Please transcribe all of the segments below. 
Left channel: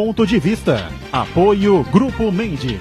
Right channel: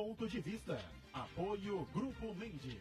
Ponto de Vista. Apoio Grupo Mendes.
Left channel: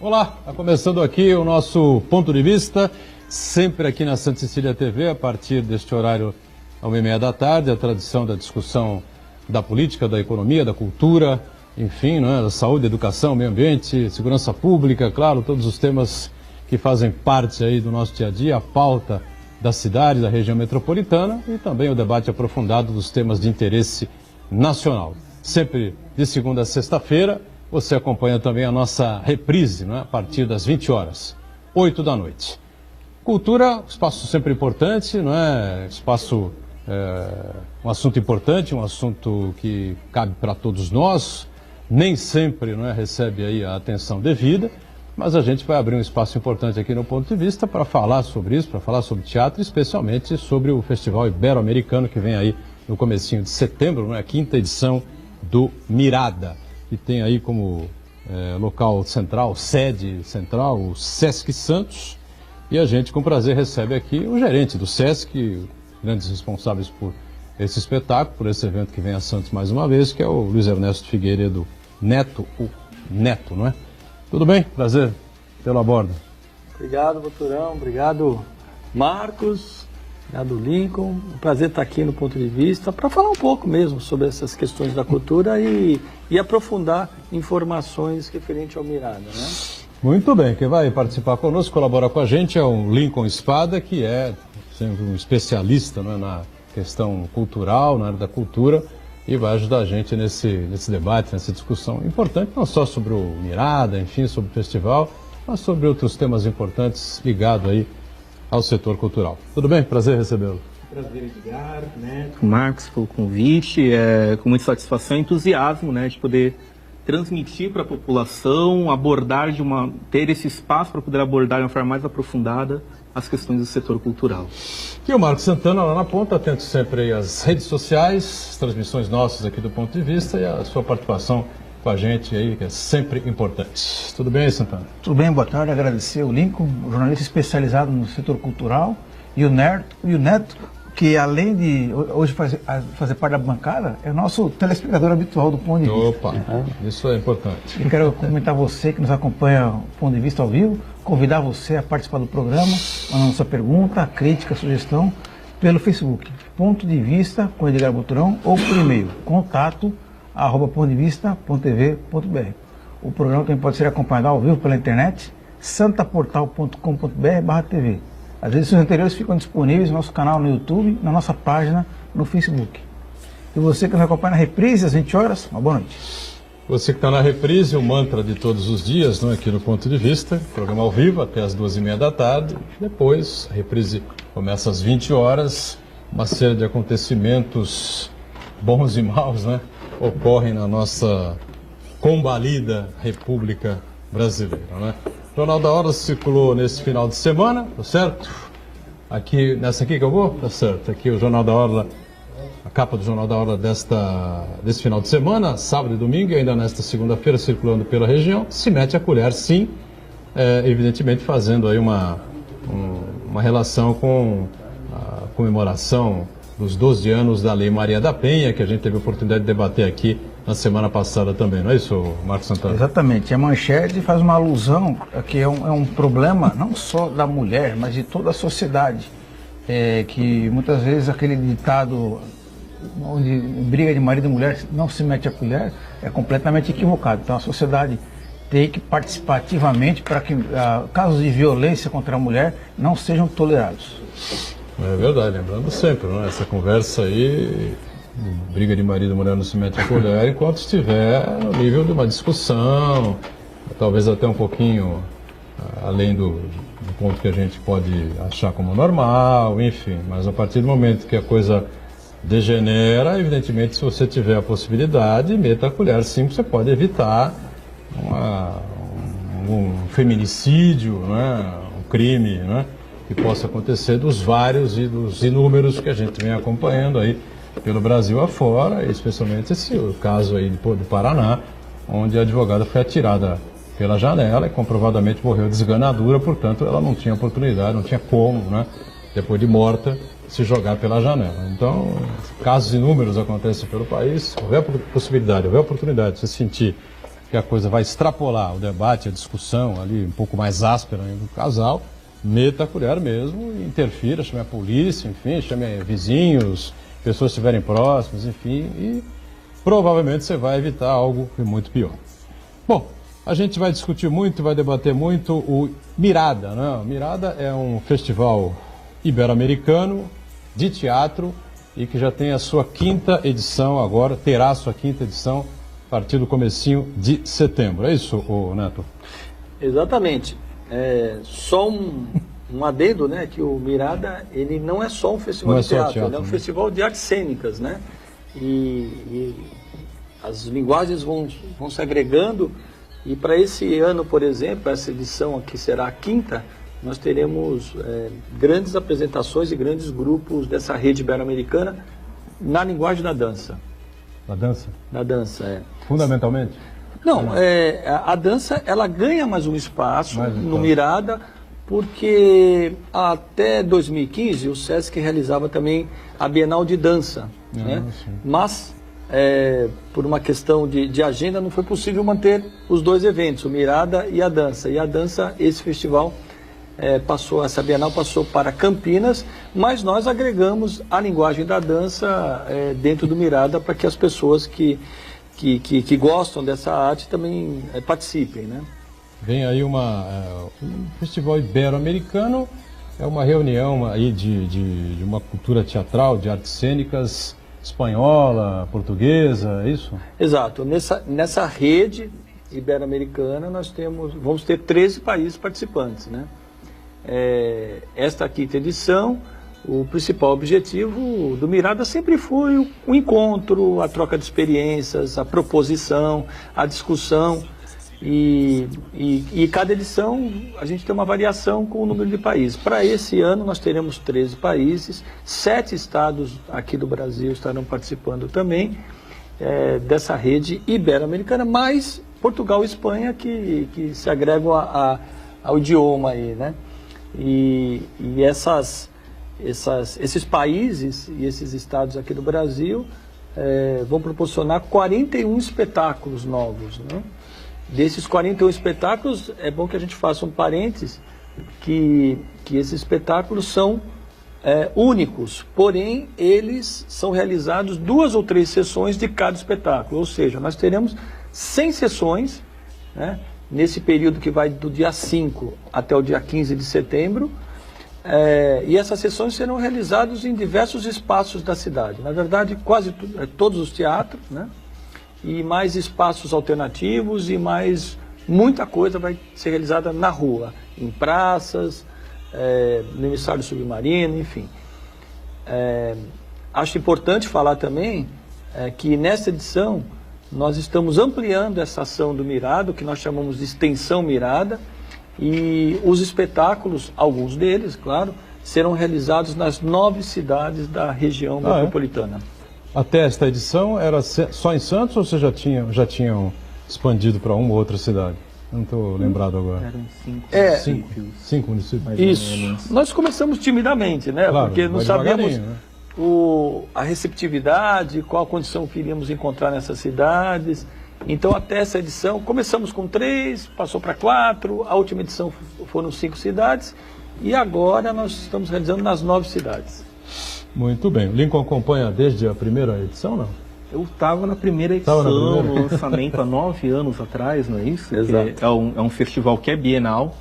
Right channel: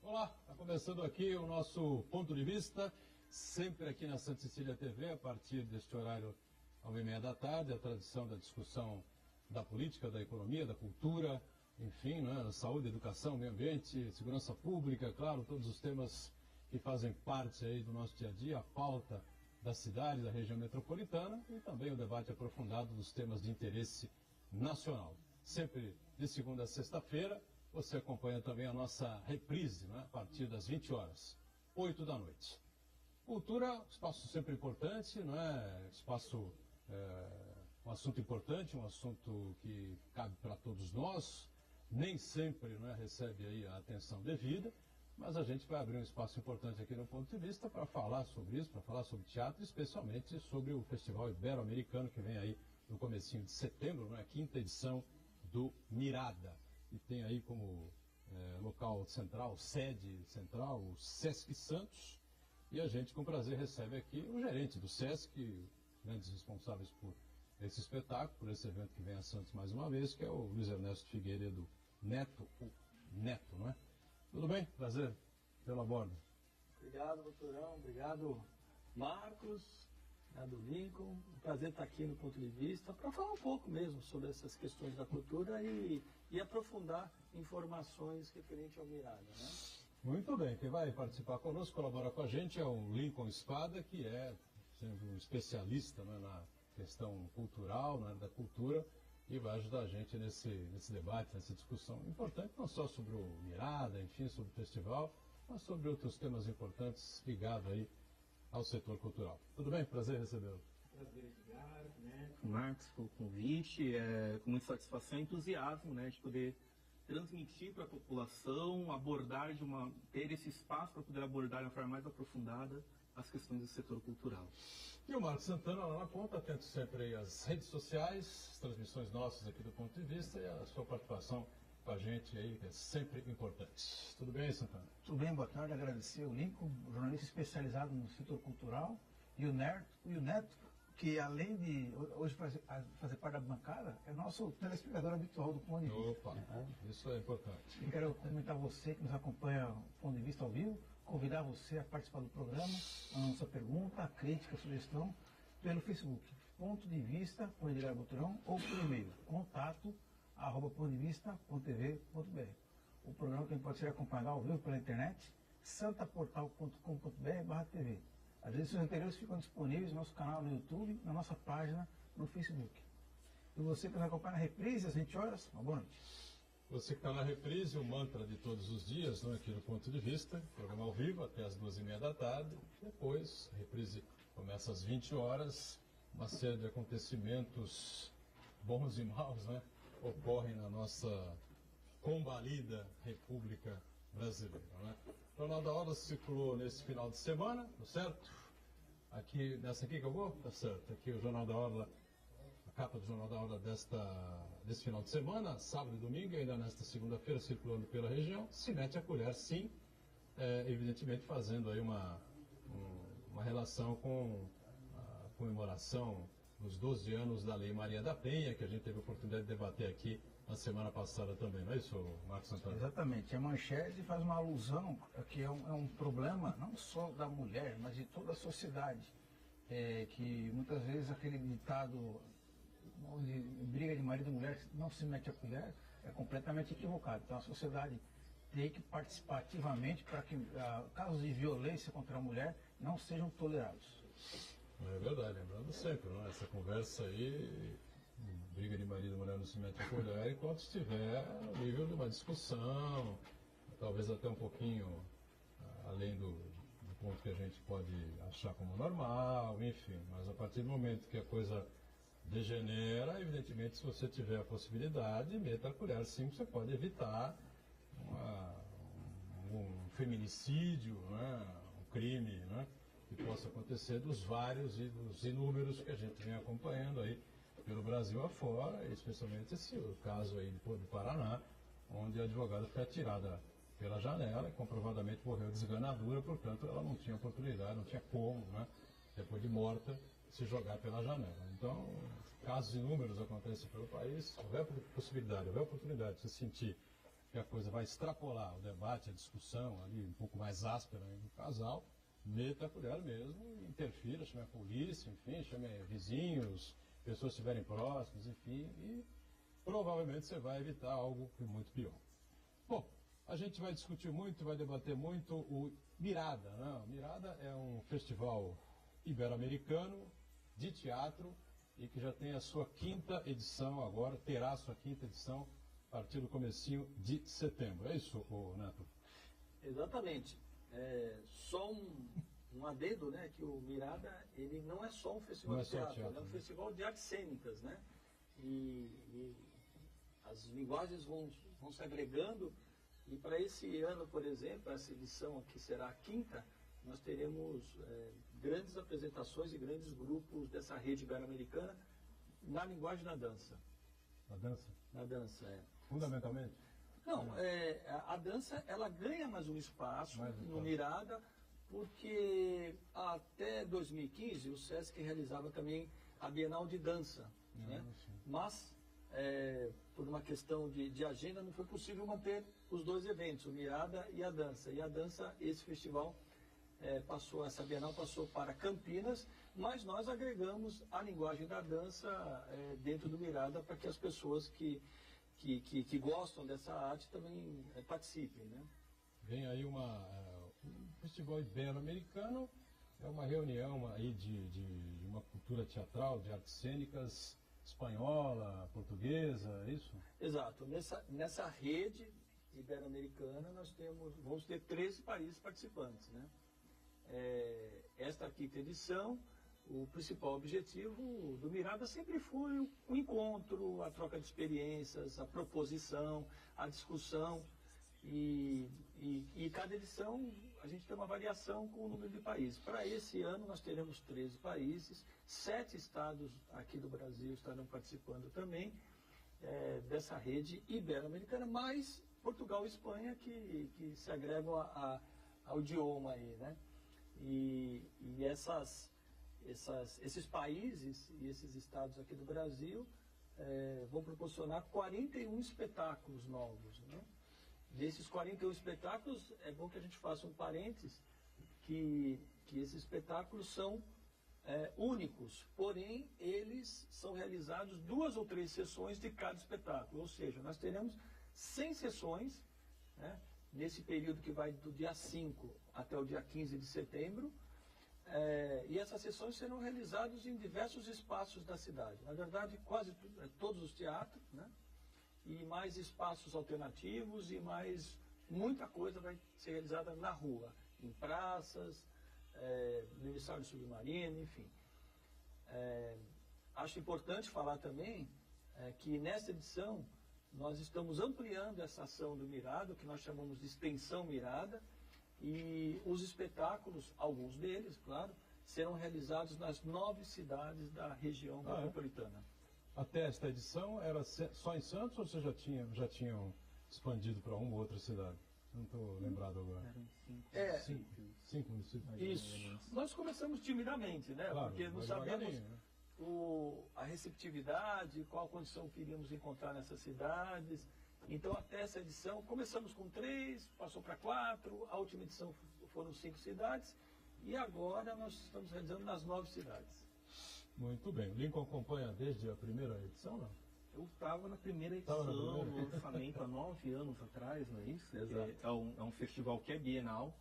Olá, está começando aqui o nosso Ponto de Vista, sempre aqui na Santa Cecília TV, a partir deste horário, à 1h30 da tarde, a tradição da discussão da política, da economia, da cultura, enfim, né, da saúde, educação, meio ambiente, segurança pública, claro, todos os temas que fazem parte aí do nosso dia a dia, a pauta da cidade, da região metropolitana e também o debate aprofundado dos temas de interesse nacional. Sempre de segunda a sexta-feira. Você acompanha também a nossa reprise, né, a partir das 20 horas, 8 da noite. Cultura, espaço sempre importante, não é? Espaço, um assunto importante, um assunto que cabe para todos nós, nem sempre, não é, recebe aí a atenção devida, mas a gente vai abrir um espaço importante aqui no Ponto de Vista para falar sobre isso, para falar sobre teatro, especialmente sobre o Festival Ibero-Americano que vem aí no comecinho de setembro, não é? A 5ª edição do Mirada, que tem aí como local central, sede central, o Sesc Santos. E a gente, com prazer, recebe aqui o gerente do Sesc, grandes responsáveis por esse espetáculo, por esse evento que vem a Santos mais uma vez, que é o Luiz Ernesto Figueiredo Neto, o Neto, não é? Tudo bem? Prazer tê-lo a bordo. Obrigado, Boturão. Obrigado, Marcos. Obrigado, Lincoln. Um prazer estar aqui no Ponto de Vista para falar um pouco mesmo sobre essas questões da cultura e aprofundar informações referentes ao Mirada, né? Muito bem. Quem vai participar conosco, colaborar com a gente, é o Lincoln Espada, que é sempre um especialista, né, na questão cultural, na área da cultura, e vai ajudar a gente nesse debate, nessa discussão importante, não só sobre o Mirada, enfim, sobre o festival, mas sobre outros temas importantes ligados aí ao setor cultural. Tudo bem? Prazer recebê-lo. Prazer, Edgar, Neto, Marcos, pelo convite. Com muita satisfação e entusiasmo, né, de poder transmitir para a população, ter esse espaço para poder abordar de uma forma mais aprofundada as questões do setor cultural. E o Marcos Santana, lá na ponta, atento sempre aí às redes sociais, as transmissões nossas aqui do Ponto de Vista e a sua participação com a gente aí, que é sempre importante. Tudo bem, Santana? Tudo bem, boa tarde. Agradecer o Lincoln, jornalista especializado no setor cultural, e o Neto, que além de hoje fazer parte da bancada, é o nosso telespectador habitual do Ponto de Vista. Opa, isso é importante. E quero cumprimentar você que nos acompanha o Ponto de Vista ao vivo, convidar você a participar do programa, mandando sua pergunta, crítica, sugestão, pelo Facebook, Ponto de Vista com Edgar Boturão, ou por e-mail, contato@pontodevista.tv.br. O programa também pode ser acompanhado ao vivo pela internet, santaportal.com.br/tv. As edições anteriores ficam disponíveis no nosso canal no YouTube, na nossa página no Facebook. E você que nos acompanha na reprise às 20 horas, uma boa noite. Você que está na reprise, o mantra de todos os dias, não é, aqui no Ponto de Vista, programa ao vivo até as 2h30 da tarde. Depois, a reprise começa às 20 horas. Uma série de acontecimentos bons e maus, né, ocorrem na nossa combalida República Brasileira, né? O Jornal da Hora circulou nesse final de semana, tá certo? Aqui, nessa aqui que eu vou? Tá certo. Aqui o Jornal da Hora, a capa do Jornal da Hora desse final de semana, sábado e domingo, e ainda nesta segunda-feira, circulando pela região, se mete a colher, sim, evidentemente fazendo aí uma relação com a comemoração dos 12 anos da Lei Maria da Penha, que a gente teve a oportunidade de debater aqui na semana passada também, não é isso, Marcos Santana? Exatamente. A manchete faz uma alusão que é um problema não só da mulher, mas de toda a sociedade. Que muitas vezes aquele ditado onde briga de marido e mulher não se mete a colher é completamente equivocado. Então a sociedade tem que participar ativamente para que casos de violência contra a mulher não sejam tolerados. É verdade, lembrando sempre, não é? Essa conversa aí, briga de marido e mulher não se mete a colher, enquanto estiver no nível de uma discussão, talvez até um pouquinho além do ponto que a gente pode achar como normal, enfim, mas a partir do momento que a coisa degenera, evidentemente, se você tiver a possibilidade, meta a colher, sim, você pode evitar um feminicídio, né? Um crime, né? Que possa acontecer dos vários e dos inúmeros que a gente vem acompanhando aí pelo Brasil afora, especialmente o caso aí do Paraná, onde a advogada foi atirada pela janela e comprovadamente morreu de esganadura, portanto ela não tinha oportunidade, não tinha como, né, depois de morta, se jogar pela janela. Então, casos inúmeros acontecem pelo país, houver possibilidade, houver oportunidade de você sentir que a coisa vai extrapolar o debate, a discussão ali um pouco mais áspera do casal, meta a colher mesmo, interfira, chame a polícia, enfim, chame vizinhos, pessoas que estiverem próximas, enfim, e provavelmente você vai evitar algo muito pior. Bom, a gente vai discutir muito, vai debater muito o Mirada, né? O Mirada é um festival ibero-americano de teatro e que já tem a sua 5ª edição agora, terá a sua 5ª edição a partir do comecinho de setembro. É isso, Neto? Exatamente. Só um adendo, né, que o Mirada, ele não é só um festival de teatro, ele é um festival de artes cênicas, né? E as linguagens vão se agregando. E para esse ano, por exemplo, essa edição aqui será a 5ª, nós teremos grandes apresentações e grandes grupos dessa rede ibero-americana na linguagem da dança. Da dança? Da dança, é. Fundamentalmente? Não, a dança ela ganha mais um espaço no Mirada, porque até 2015 o SESC realizava também a Bienal de Dança, né? Mas por uma questão de agenda não foi possível manter os dois eventos, o Mirada e a dança. E a dança, esse festival essa Bienal passou para Campinas, mas nós agregamos a linguagem da dança dentro do Mirada para que as pessoas que gostam dessa arte também participem, né? Vem aí um festival ibero-americano, é uma reunião aí de uma cultura teatral, de artes cênicas espanhola, portuguesa, é isso? Exato. Nessa rede ibero-americana vamos ter 13 países participantes, né? Esta 5ª edição, o principal objetivo do Mirada sempre foi o encontro, a troca de experiências, a proposição, a discussão. E cada edição a gente tem uma variação com o número de países. Para esse ano nós teremos 13 países, 7 estados aqui do Brasil estarão participando também dessa rede ibero-americana, mais Portugal e Espanha que se agregam ao idioma aí, né? E esses países e esses estados aqui do Brasil vão proporcionar 41 espetáculos novos, né? Desses 41 espetáculos, é bom que a gente faça um parênteses, que esses espetáculos são únicos, porém eles são realizados 2 ou 3 sessões de cada espetáculo, ou seja, nós teremos 100 sessões, né, nesse período que vai do dia 5 até o dia 15 de setembro, e essas sessões serão realizadas em diversos espaços da cidade, na verdade quase todos os teatros, né? E mais espaços alternativos e mais muita coisa vai ser realizada na rua, em praças, no emissário submarino, enfim. Acho importante falar também que nesta edição nós estamos ampliando essa ação do Mirada, que nós chamamos de extensão Mirada, e os espetáculos, alguns deles, claro, serão realizados nas 9 cidades da região metropolitana. Até esta edição era só em Santos ou vocês já tinham expandido para uma ou outra cidade? Não estou lembrado agora. Eram 5 municípios. Isso. Nós começamos timidamente, né? Claro, porque não sabíamos, né, a receptividade, qual a condição que iríamos encontrar nessas cidades. Então, até essa edição, começamos com 3, passou para 4, a última edição foram 5 cidades, e agora nós estamos realizando nas 9 cidades. Muito bem. O Lincoln acompanha desde a primeira edição, não? Eu estava na primeira edição, no lançamento há 9 anos atrás, não é isso? Exato. É um festival que é bienal,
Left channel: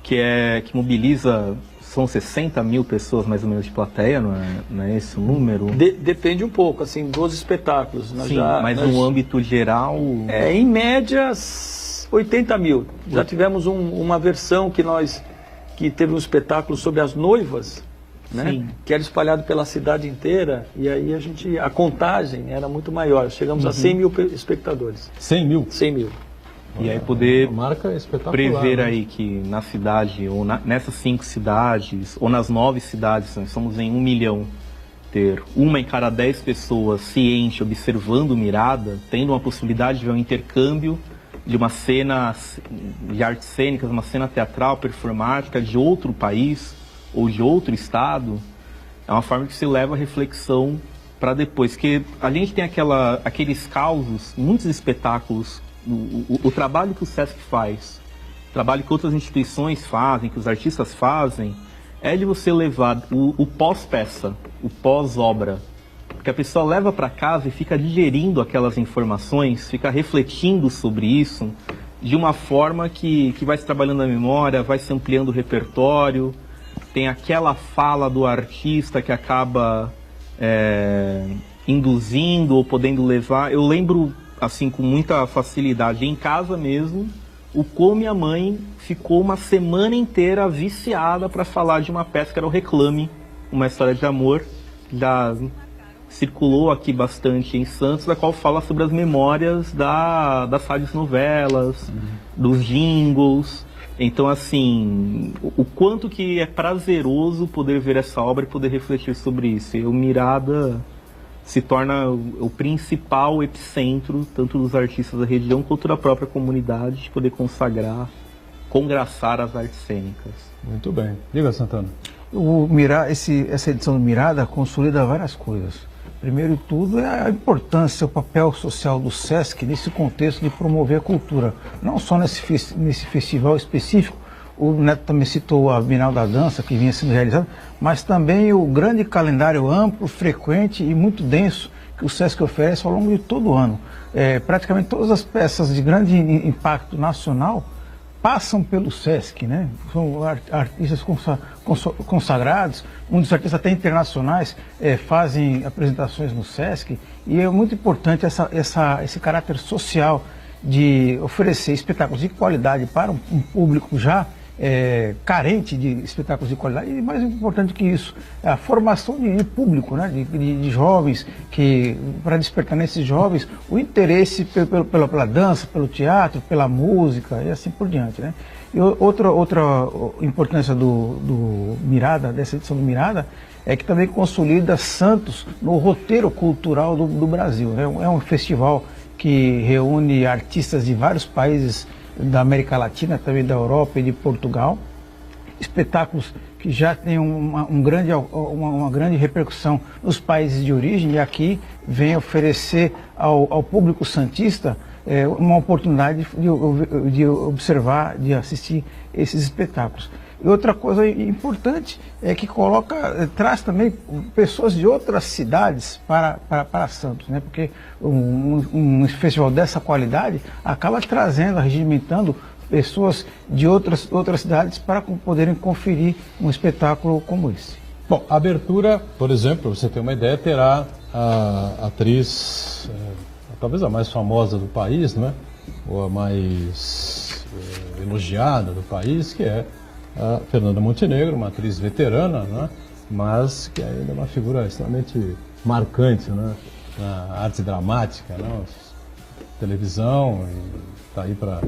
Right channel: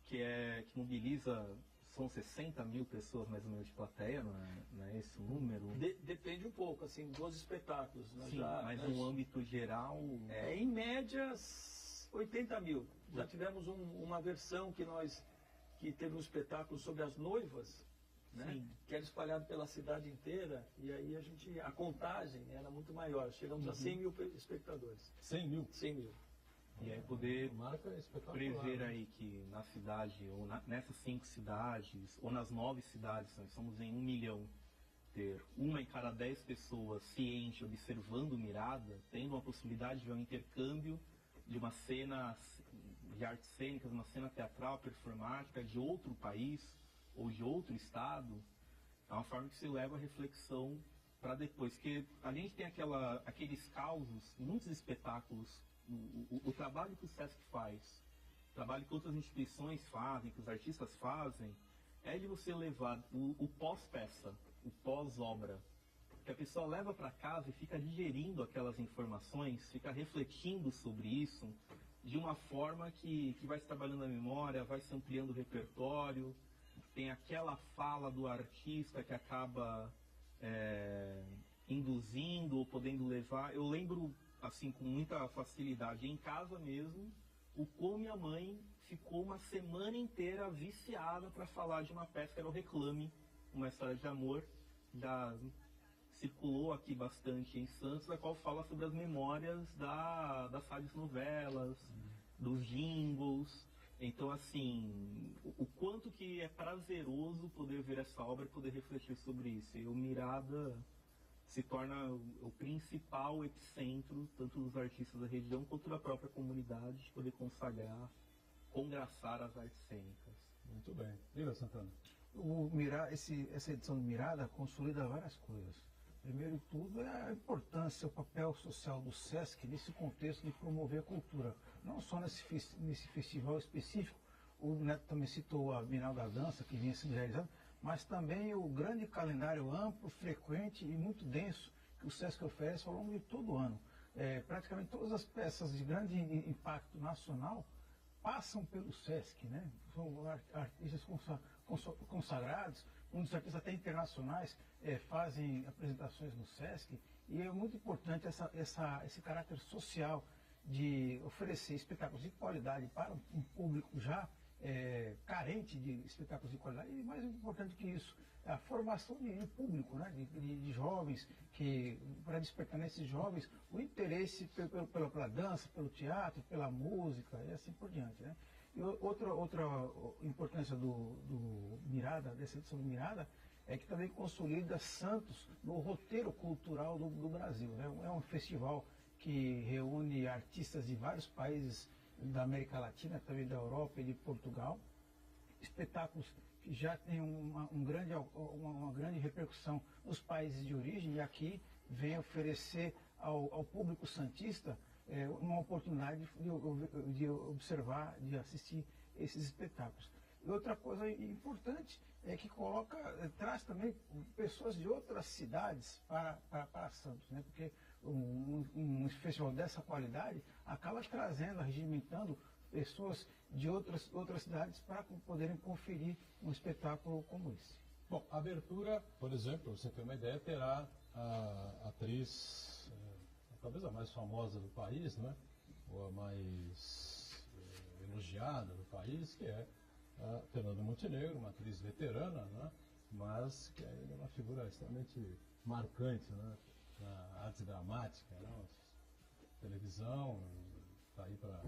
que mobiliza, são 60 mil pessoas mais ou menos de plateia, não é esse o número? Depende um pouco, assim, dos espetáculos. Sim, mas no âmbito geral... em média, 80 mil. Já tivemos uma versão que teve um espetáculo sobre as noivas, né? Que era espalhado pela cidade inteira, e aí a contagem era muito maior. Chegamos a 100 mil espectadores. 100 mil? 100 mil. E aí poder marca espetacular, prever, né, aí que na cidade, ou nessas 5 cidades, ou nas 9 cidades, nós estamos em 1 milhão, ter 1 em cada 10 pessoas ciente, observando o Mirada, tendo uma possibilidade de ver um intercâmbio de uma cena de artes cênicas, uma cena teatral, performática de outro país ou de outro estado, é uma forma que se leva a reflexão para depois. Que a gente tem aqueles causos, muitos espetáculos, o trabalho que o Sesc faz, o trabalho que outras instituições fazem, que os artistas fazem, é de você levar o pós-peça, o pós-obra, porque a pessoa leva para casa e fica digerindo aquelas informações, fica refletindo sobre isso de uma forma que vai se trabalhando a memória, vai se ampliando o repertório, tem aquela fala do artista que acaba induzindo ou podendo levar. Eu lembro, assim, com muita facilidade, em casa mesmo, o como minha mãe ficou uma semana inteira viciada para falar de uma peça que era o Reclame, uma história de amor, já circulou aqui bastante em Santos, da qual fala sobre as memórias das rádios novelas, dos jingles. Então, assim, o quanto que é prazeroso poder ver essa obra e poder refletir sobre isso. E o Mirada se torna o principal epicentro, tanto dos artistas da região quanto da própria comunidade, de poder congraçar as artes cênicas. Muito bem. Diga, Santana. Essa edição do Mirada consolida várias coisas. Primeiro de tudo é a importância, o papel social do Sesc nesse contexto de promover a cultura. Não só nesse festival específico, o Neto também citou a Bienal da Dança, que vinha sendo realizada, mas também o grande calendário amplo, frequente e muito denso que o Sesc oferece ao longo de todo o ano. Praticamente todas as peças de grande impacto nacional passam pelo Sesc, né? São artistas consagrados, muitos artistas até internacionais fazem apresentações no Sesc, e é muito importante esse caráter social de oferecer espetáculos de qualidade para um público já carente de espetáculos de qualidade, e mais importante que isso, a formação de público, né? de jovens, para despertar nesses jovens o interesse pela dança, pelo teatro, pela música e assim por diante, né? E outra importância do Mirada, dessa edição do Mirada, é que também consolida Santos no roteiro cultural do Brasil, né? É um festival que reúne artistas de vários países da América Latina, também da Europa e de Portugal, espetáculos que já têm uma grande repercussão nos países de origem, e aqui vem oferecer ao público santista uma oportunidade de observar, de assistir esses espetáculos. E outra coisa importante é que traz também pessoas de outras cidades para Santos, né? Porque um festival dessa qualidade acaba trazendo, regimentando pessoas de outras cidades para poderem conferir um espetáculo como esse. Bom, a abertura, por exemplo, para você ter uma ideia, terá a atriz, talvez a mais famosa do país, não é? Ou a mais elogiada do país, que é a Fernanda Montenegro, uma atriz veterana, né? Mas que ainda é uma figura extremamente marcante, né? Na arte dramática, né? Televisão, está aí para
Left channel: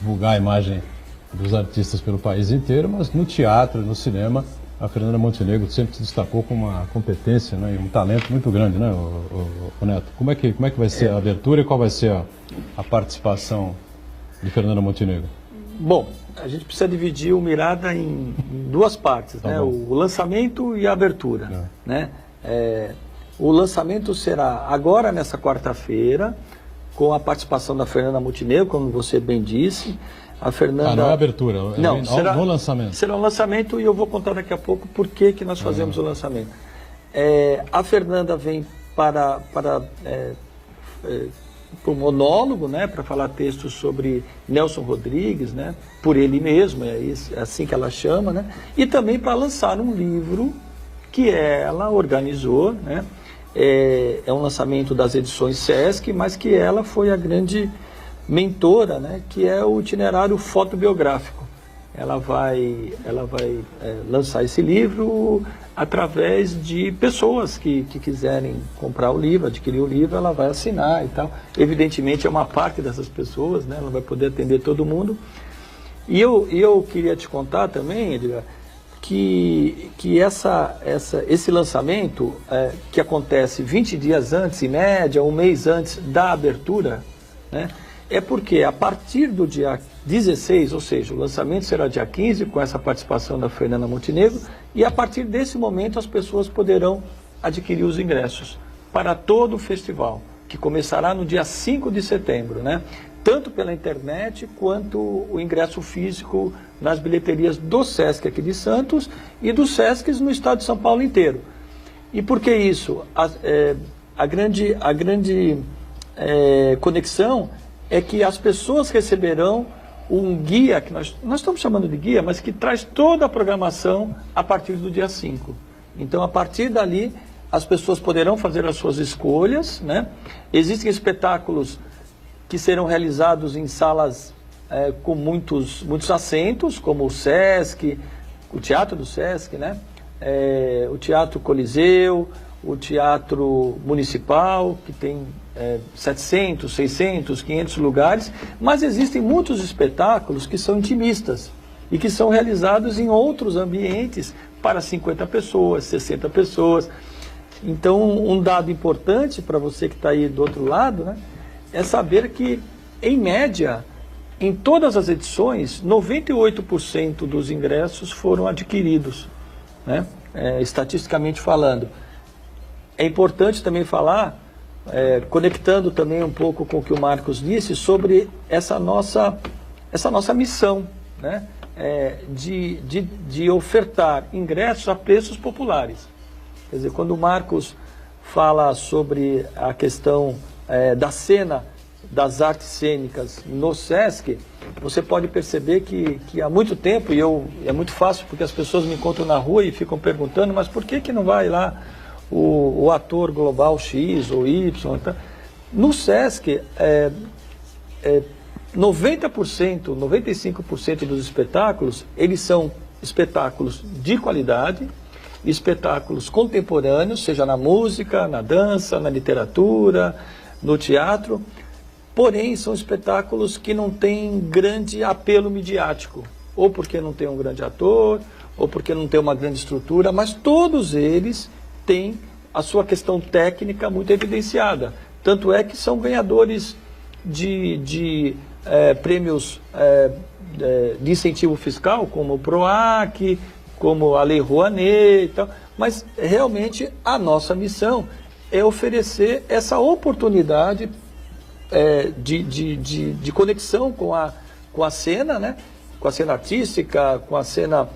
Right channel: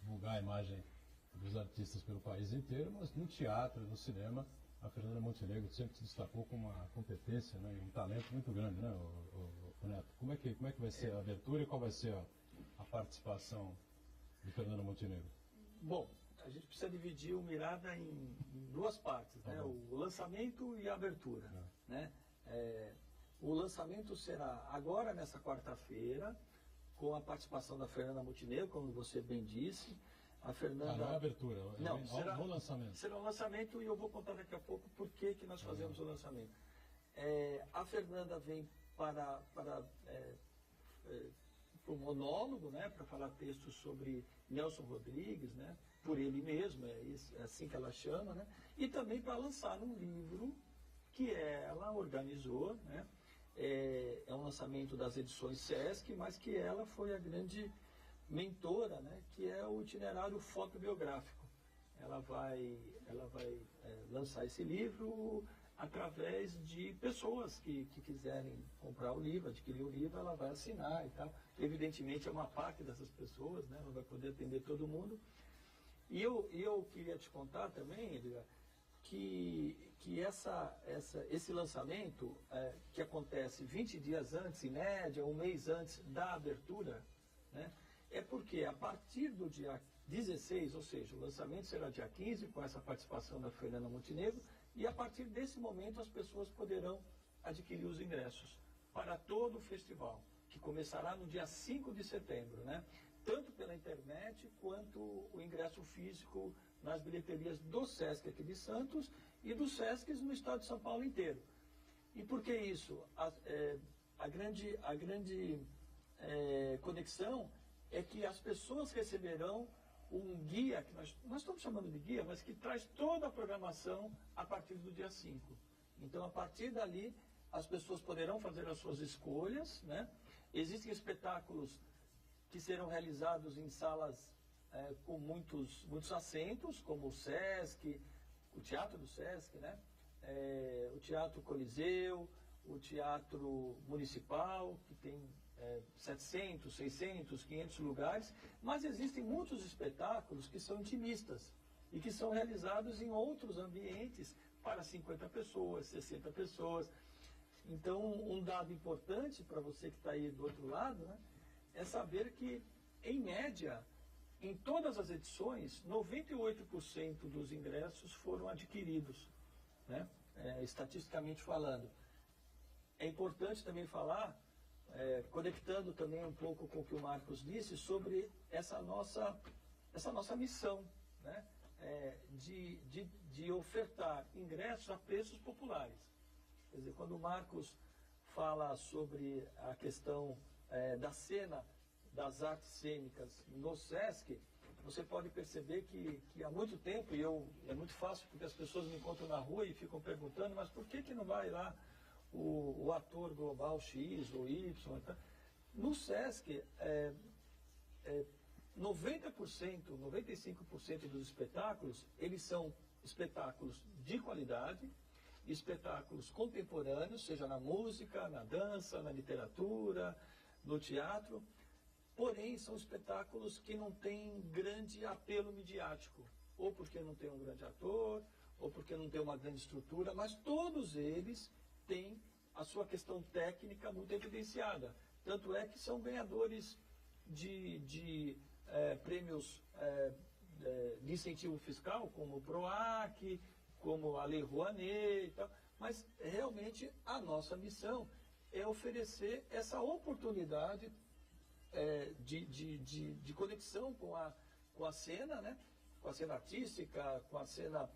divulgar a imagem dos artistas pelo país inteiro, mas no teatro, no cinema, a Fernanda Montenegro sempre se destacou com uma competência, né, e um talento muito grande, né, o Neto? Como é que vai ser a abertura e qual vai ser a participação de Fernanda Montenegro? Bom, a gente precisa dividir o Mirada em duas partes, né? O lançamento e a abertura, né? O lançamento será agora, nessa quarta-feira, com a participação da Fernanda Montenegro, como você bem disse. A Fernanda... não é abertura, não, será no lançamento. Será um lançamento, e eu vou contar daqui a pouco por que nós fazemos o lançamento. A Fernanda vem para o monólogo, né, para falar textos sobre Nelson Rodrigues, né, por ele mesmo, é assim que ela chama, né, e também para lançar um livro que ela organizou, né, é um lançamento das edições Sesc, mas que ela foi a grande mentora, né, que é o itinerário fotobiográfico. Ela vai lançar esse livro através de pessoas que quiserem comprar o livro, adquirir o livro, ela vai assinar e tal. Evidentemente é uma parte dessas pessoas, né, ela vai poder atender todo mundo. E eu queria te contar também, Edgar, que esse lançamento, que acontece 20 dias antes, em média, um mês antes da abertura, né, é porque a partir do dia 16, ou seja, o lançamento será dia 15, com essa participação da Fernanda Montenegro, e a partir desse momento as pessoas poderão adquirir os ingressos para todo o festival, que começará no dia 5 de setembro, né? Tanto pela internet quanto o ingresso físico nas bilheterias do Sesc aqui de Santos e dos Sescs no estado de São Paulo inteiro. E por que isso? A grande conexão é que as pessoas receberão um guia, que nós estamos chamando de guia, mas que traz toda a programação a partir do dia 5. Então, a partir dali, as pessoas poderão fazer as suas escolhas, né? Existem espetáculos que serão realizados em salas com muitos assentos, como o Sesc, o Teatro do Sesc, né? O Teatro Coliseu, o Teatro Municipal, que tem 700, 600, 500 lugares, mas existem muitos espetáculos que são intimistas e que são realizados em outros ambientes para 50 pessoas, 60 pessoas. Então, um dado importante para você que está aí do outro lado, né, é saber que, em média, em todas as edições, 98% dos ingressos foram adquiridos, né, estatisticamente falando. É importante também falar, conectando também um pouco com o que o Marcos disse, sobre essa nossa missão, né, de ofertar ingressos a preços populares. Quer dizer, quando o Marcos fala sobre a questão da cena das artes cênicas no Sesc, você pode perceber que há muito tempo, é muito fácil porque as pessoas me encontram na rua e ficam perguntando, mas por que não vai lá o ator global X ou Y? Então, no Sesc, 90%, 95% dos espetáculos, eles são espetáculos de qualidade, espetáculos contemporâneos, seja na música, na dança, na literatura, no teatro, porém são espetáculos que não têm grande apelo midiático, ou porque não tem um grande ator, ou porque não tem uma grande estrutura, mas todos eles têm a sua questão técnica muito evidenciada. Tanto é que são ganhadores de prêmios de incentivo fiscal, como o PROAC, como a Lei Rouanet e tal, mas realmente a nossa missão é oferecer essa oportunidade de conexão com a cena, né? Com a cena artística, com a cena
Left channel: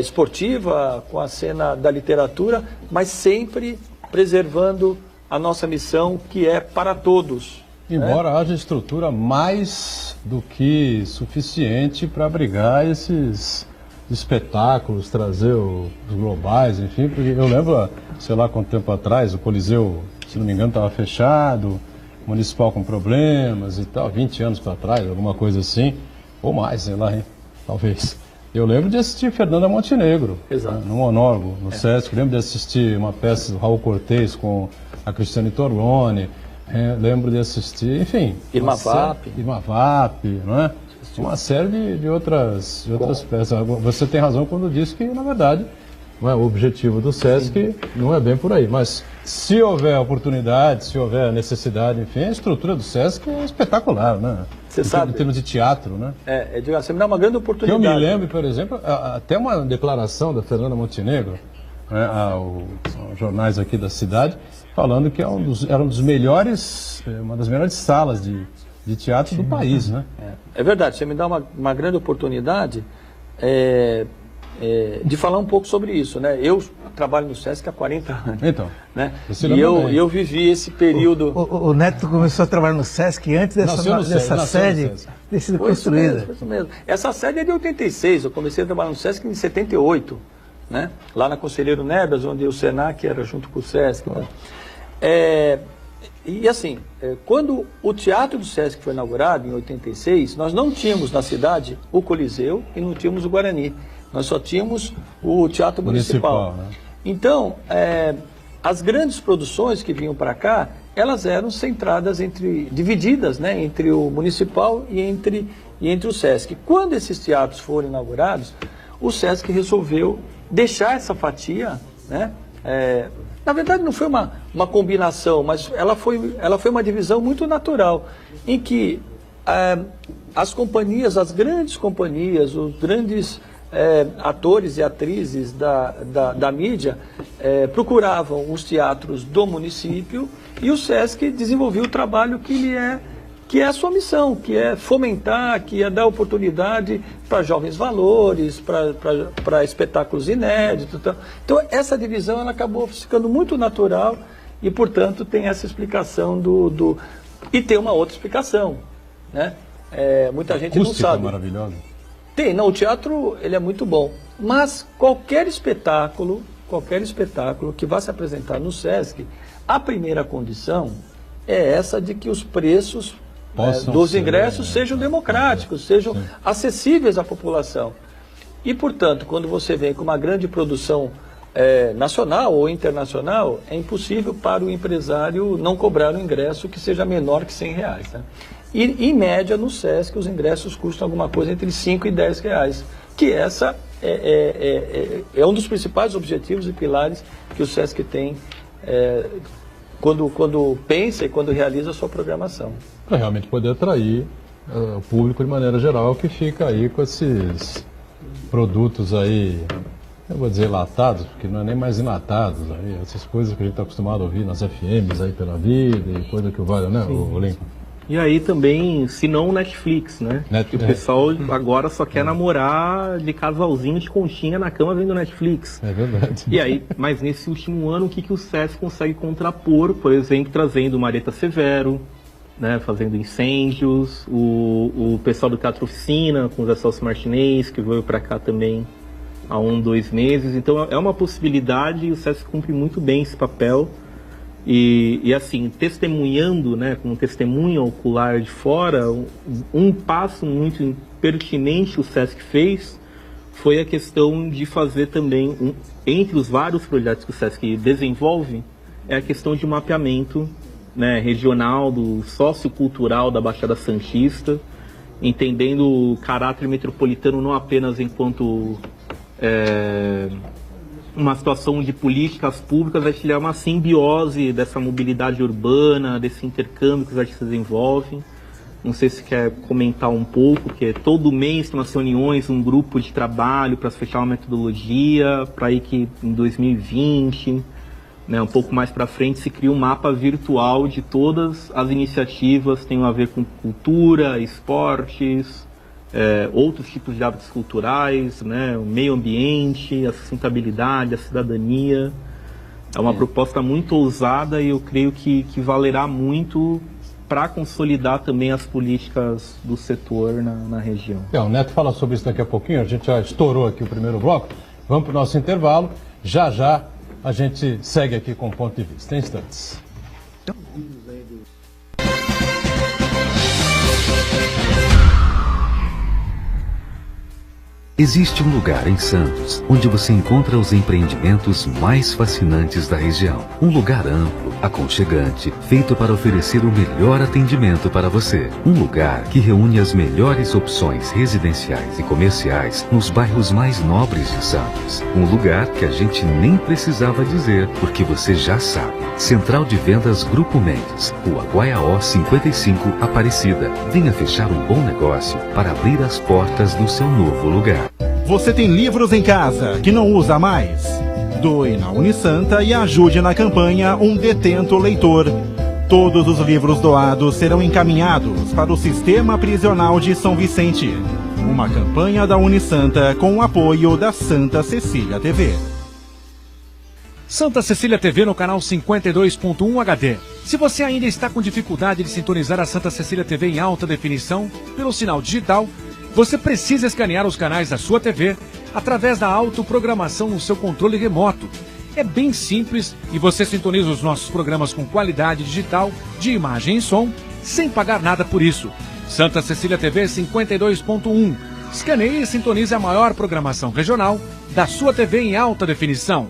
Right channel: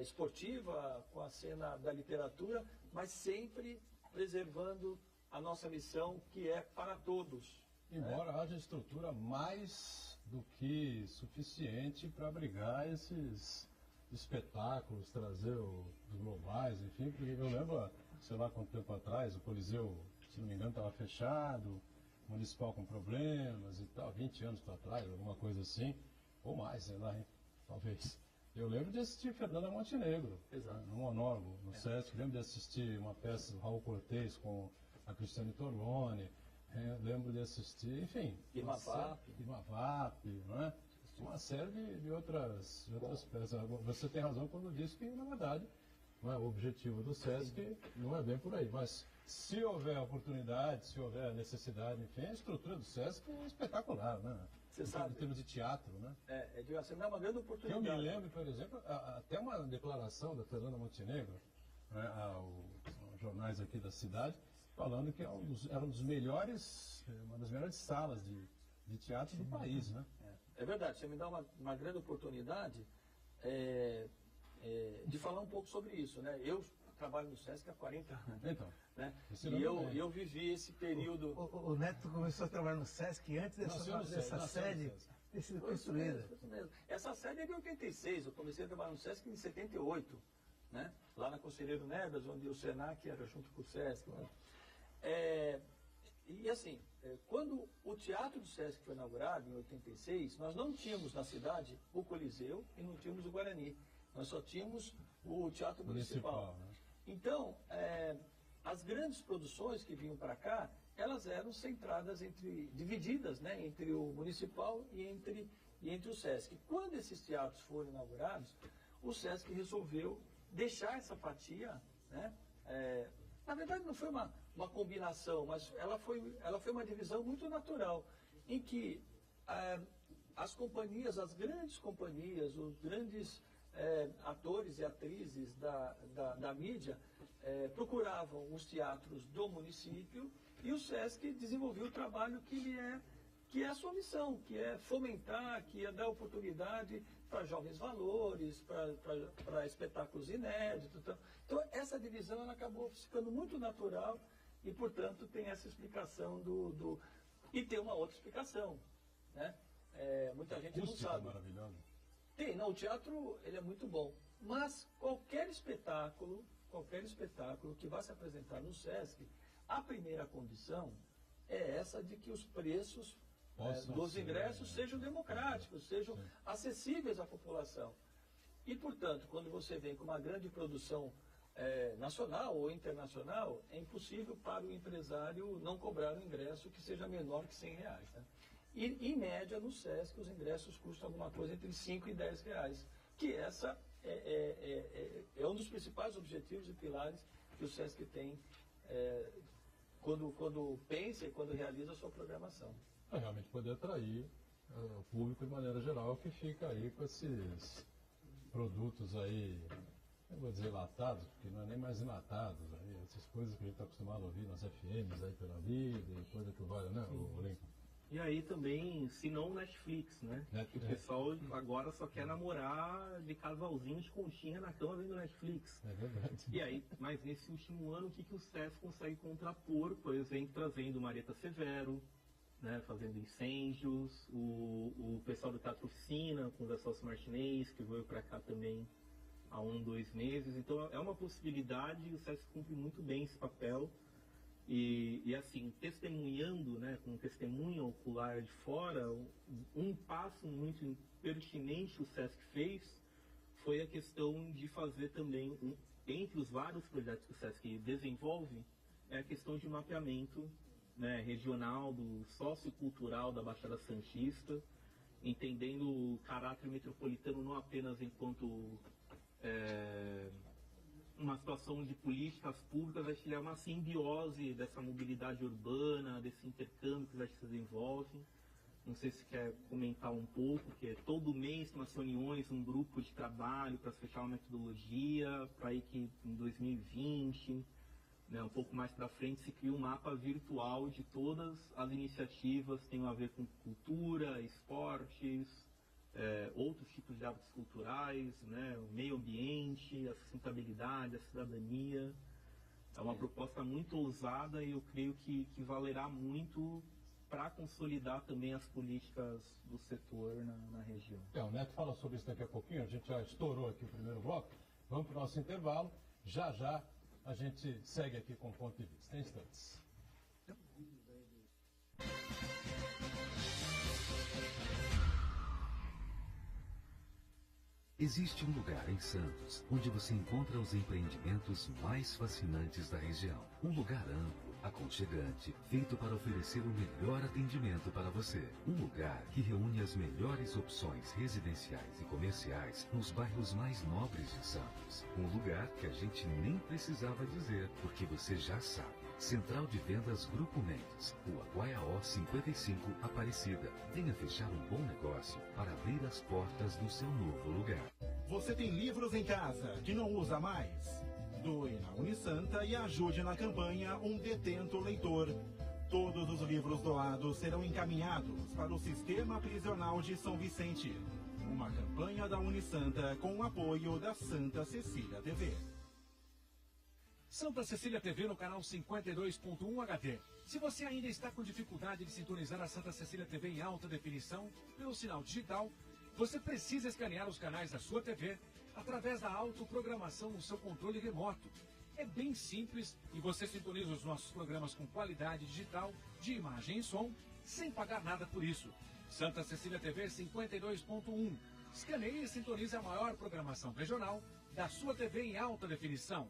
esportiva, com a cena da literatura, mas sempre preservando a nossa missão, que é para todos. Embora haja estrutura mais do que suficiente para abrigar esses espetáculos, trazer os globais, enfim, porque eu lembro, sei lá quanto tempo atrás, o Coliseu, se não me engano, estava fechado, o Municipal com problemas e tal, 20 anos para trás, alguma coisa assim, ou mais, sei lá, hein? Talvez. Eu lembro de assistir Fernanda Montenegro, no monólogo, no Sesc. Lembro de assistir uma peça do Raul Cortez com a Cristiane Torlone. Lembro de assistir, enfim... Irma Vap, não é? Uma série de outras peças. Você tem razão quando diz que, na verdade, não é, o objetivo do Sesc não é bem por aí. Mas se houver oportunidade, se houver necessidade, enfim, a estrutura do Sesc é espetacular, né? Você sabe. Em termos de teatro, né? Você me dá uma grande oportunidade. Eu me lembro, por exemplo, até uma declaração da Fernanda Montenegro, né, aos jornais aqui da cidade, falando que era um dos melhores, uma das melhores salas de teatro do país, né? É verdade, você me dá uma grande oportunidade de falar um pouco sobre isso, né? Eu trabalho no Sesc há 40 anos. Então, né? E eu vivi esse período... O Neto começou a trabalhar no Sesc antes dessa sede ter sido construída. Foi isso mesmo. Essa sede é de 86, eu comecei a trabalhar no Sesc em 78, né? Lá na Conselheiro Nebras, onde o Senac era junto com o Sesc. Né? E assim, quando o Teatro do Sesc foi inaugurado, em 86, nós não tínhamos na cidade o Coliseu e não tínhamos o Guarani. Nós só tínhamos o Teatro Municipal. Né? Então, as grandes produções que vinham para cá, elas eram centradas divididas, né, entre o Municipal e entre o Sesc. Quando esses teatros foram inaugurados, o SESC resolveu deixar essa fatia, né? Na verdade não foi uma combinação, mas ela foi uma divisão muito natural, em que as companhias, as grandes companhias, os grandes atores e atrizes da mídia procuravam os teatros do município, e o SESC desenvolveu o trabalho que é a sua missão, que é fomentar, que é dar oportunidade para jovens valores, para espetáculos inéditos. Então, essa divisão ela acabou ficando muito natural e, portanto, tem essa explicação E tem uma outra explicação, né? Muita gente não sabe. Maravilhosa. O teatro ele é muito bom, mas qualquer espetáculo que vá se apresentar no SESC, a primeira condição é essa de que os preços dos ingressos sejam democráticos, sejam acessíveis à população. E, portanto, quando você vem com uma grande produção nacional ou internacional, é impossível para o empresário não cobrar um ingresso que seja menor que R$100. Né? E, em média, no SESC, os ingressos custam alguma coisa entre R$5 e R$10, que essa é um dos principais objetivos e pilares que o SESC tem quando pensa e quando realiza a sua programação. Para realmente poder atrair o público de maneira geral, que fica aí com esses produtos aí, eu vou dizer enlatados, porque não é nem mais enlatados, aí, essas coisas que a gente está acostumado a ouvir nas FMs aí pela vida e coisa que vale, né, o Lincoln? E aí também, se não Netflix, né? O pessoal agora só quer namorar de casalzinho de conchinha na cama vendo Netflix. É verdade. E aí, mas nesse último ano, o que o SESC consegue contrapor? Por exemplo, trazendo Marieta Severo, né, fazendo Incêndios, o pessoal do Teatro Oficina, com o Zé Celso Martinez, que veio para cá também há 2 meses. Então é uma possibilidade e o SESC cumpre muito bem esse papel. E assim, testemunhando, né, com testemunha ocular de fora, um passo muito pertinente que o SESC fez foi a questão de fazer também, entre os vários projetos que o SESC desenvolve, é a questão de mapeamento, né, regional, do sociocultural da Baixada Santista, entendendo o caráter metropolitano não apenas enquanto uma situação de políticas públicas, mas que é uma simbiose dessa mobilidade urbana, desse intercâmbio que os artistas desenvolvem. Não sei se quer comentar um pouco, porque todo mês tem umas reuniões, um grupo de trabalho para fechar uma metodologia, para ir que em 2020, né, um pouco mais para frente, se cria um mapa virtual de todas as iniciativas que tenham a ver com cultura, esportes, outros tipos de hábitos culturais, né, o meio ambiente, a sustentabilidade, a cidadania. É uma proposta muito ousada e eu creio que valerá muito para consolidar também as políticas do setor na região. O Neto fala sobre isso daqui a pouquinho, a gente já estourou aqui o primeiro bloco. Vamos para o nosso intervalo. Já já a gente segue aqui com o Ponto de Vista. Em instantes. Existe um lugar em Santos onde você encontra os empreendimentos mais fascinantes da região. Um lugar amplo, aconchegante, feito para oferecer o melhor atendimento para você. Um lugar que reúne as melhores opções residenciais e comerciais nos bairros mais nobres de Santos. Um lugar que a gente nem precisava dizer, porque você já sabe. Central de Vendas Grupo Mendes, Rua Guaiaó 55, Aparecida. Venha fechar um bom negócio para abrir as portas do seu novo lugar. Você tem livros em casa que não usa mais? Doe na Unisanta e ajude na campanha Um Detento Leitor. Todos os livros doados serão encaminhados para o Sistema Prisional de São Vicente. Uma campanha da Unisanta com o apoio da Santa Cecília TV. Santa Cecília TV no canal 52.1 HD. Se você ainda está com dificuldade de sintonizar a Santa Cecília TV em alta definição pelo sinal digital, você precisa escanear os canais da sua TV através da autoprogramação no seu controle remoto. É bem simples e você sintoniza os nossos programas com qualidade digital, de imagem e som, sem pagar nada por isso. Santa Cecília TV 52.1. Escaneie e sintonize a maior programação regional da sua TV em alta definição.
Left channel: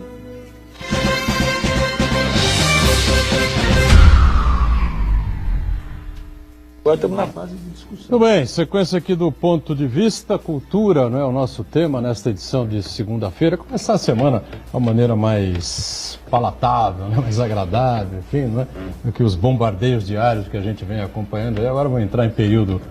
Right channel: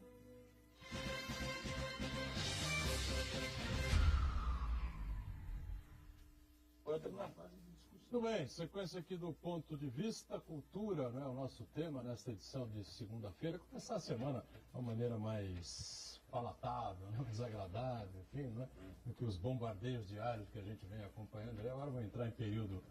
Agora estamos na fase de discussão. Tudo bem, sequência aqui do Ponto de Vista, cultura, não é o nosso tema nesta edição de segunda-feira. Começar a semana de uma maneira mais palatável, né? Mais agradável, enfim, não é? Do que os bombardeios diários que a gente vem acompanhando. E agora vamos entrar em período